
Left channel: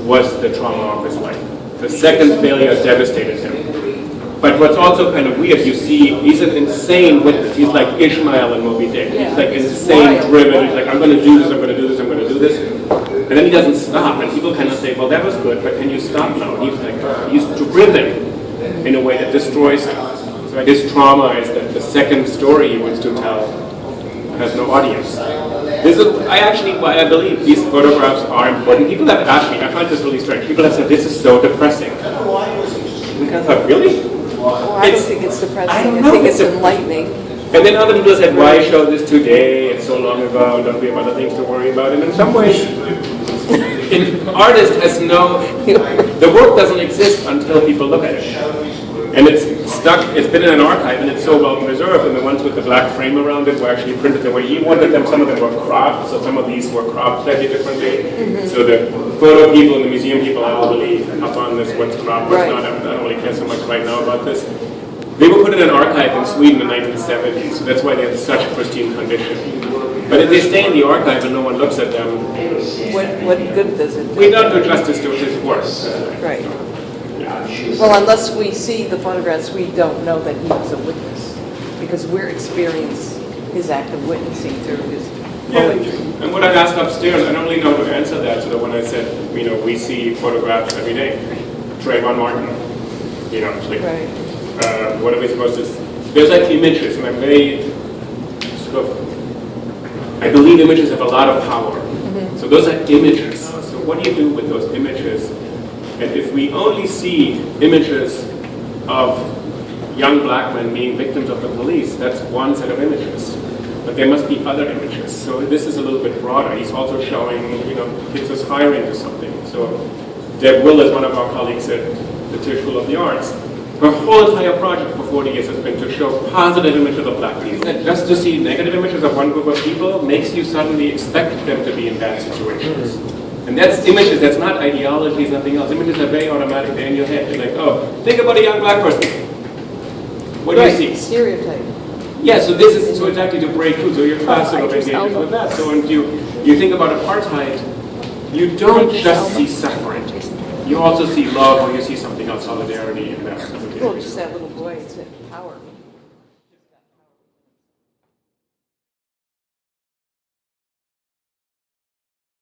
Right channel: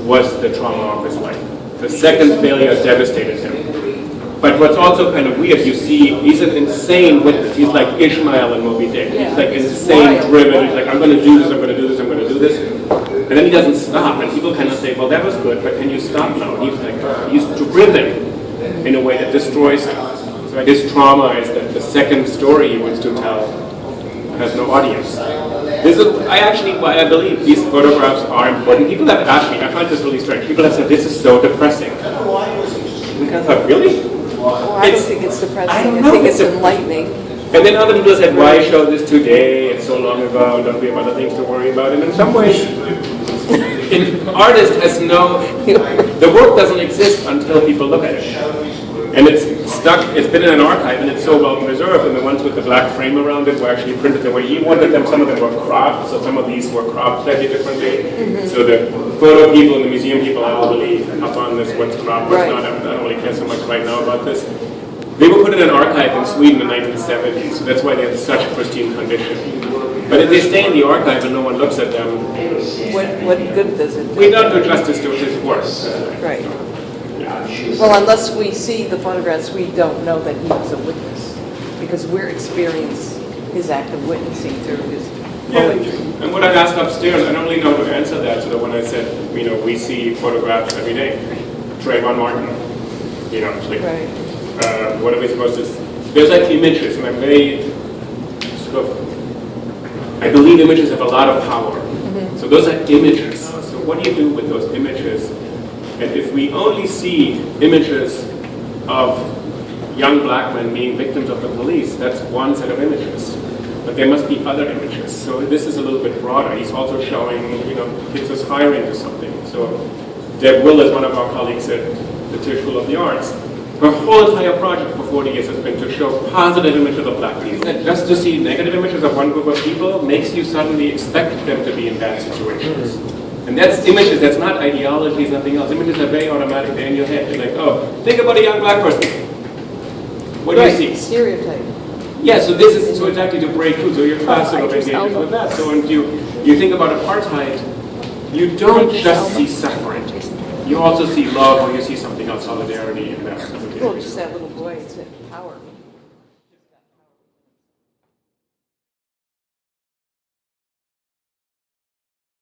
was the trauma of his life. The second failure devastated him. But what's also kind of weird, you see, he's an insane witness. He's like Ishmael in Moby Dick. He's like insane driven. He's like, I'm going to do this, I'm going to do this, I'm going to do this. And then he doesn't stop. And people kind of say, well, that was good, but can you stop now? He's like, he's driven in a way that destroys him. So his trauma is that the second story he wants to tell has no audience. I believe these photographs are important. People have asked me, I find this really strange. People have said, this is so depressing. And I thought, really? I don't think it's depressing. I think it's enlightening. And then other people said, why show this today? It's so long ago. Don't we have other things to worry about? And in some ways, an artist has the work doesn't exist until people look at it. And it's stuck, it's been in an archive, and it's so well preserved, and the ones with the black frame around it were actually printed the way he wanted them. Some of them were cropped, so some of these were cropped slightly differently. So the photo people and the museum people are really up on this, what's cropped, what's not. I don't really care so much right now about this. They were put in an archive in Sweden in the 1970s, so that's why they had such pristine condition. But if they stay in the archive and no one looks at them, what good does it do? We don't do justice to his work. Right. Well, unless we see the photographs, we don't know that he was a witness, because we're experiencing his act of witnessing through his poetry. And what I asked upstairs, I don't really know how to answer that. So that when I said, we see photographs every day, Trayvon Martin, it's like, what are we supposed to? There's like images, and I'm very I believe images have a lot of power. So those are images. So what do you do with those images? And if we only see images of young black men being victims of the police, that's one set of images. But there must be other images. So this is a little bit broader. He's also showing, kids aspiring to something. So Deb Will is one of our colleagues at the Tisch School of the Arts. Her whole entire project for 40 years has been to show positive images of black people. And just to see negative images of one group of people makes you suddenly expect them to be in bad situations. And that's images, that's not ideologies, nothing else. Images are very automatic, they're in your head. You're like, oh, think about a young black person. What do you see? Stereotype. Yeah, so this is so exactly to break through. So your class sort of engages with that. So when you think about apartheid, you don't just see suffering. You also see love, or you see something else, solidarity, and that. Well, just that little boy, it's power.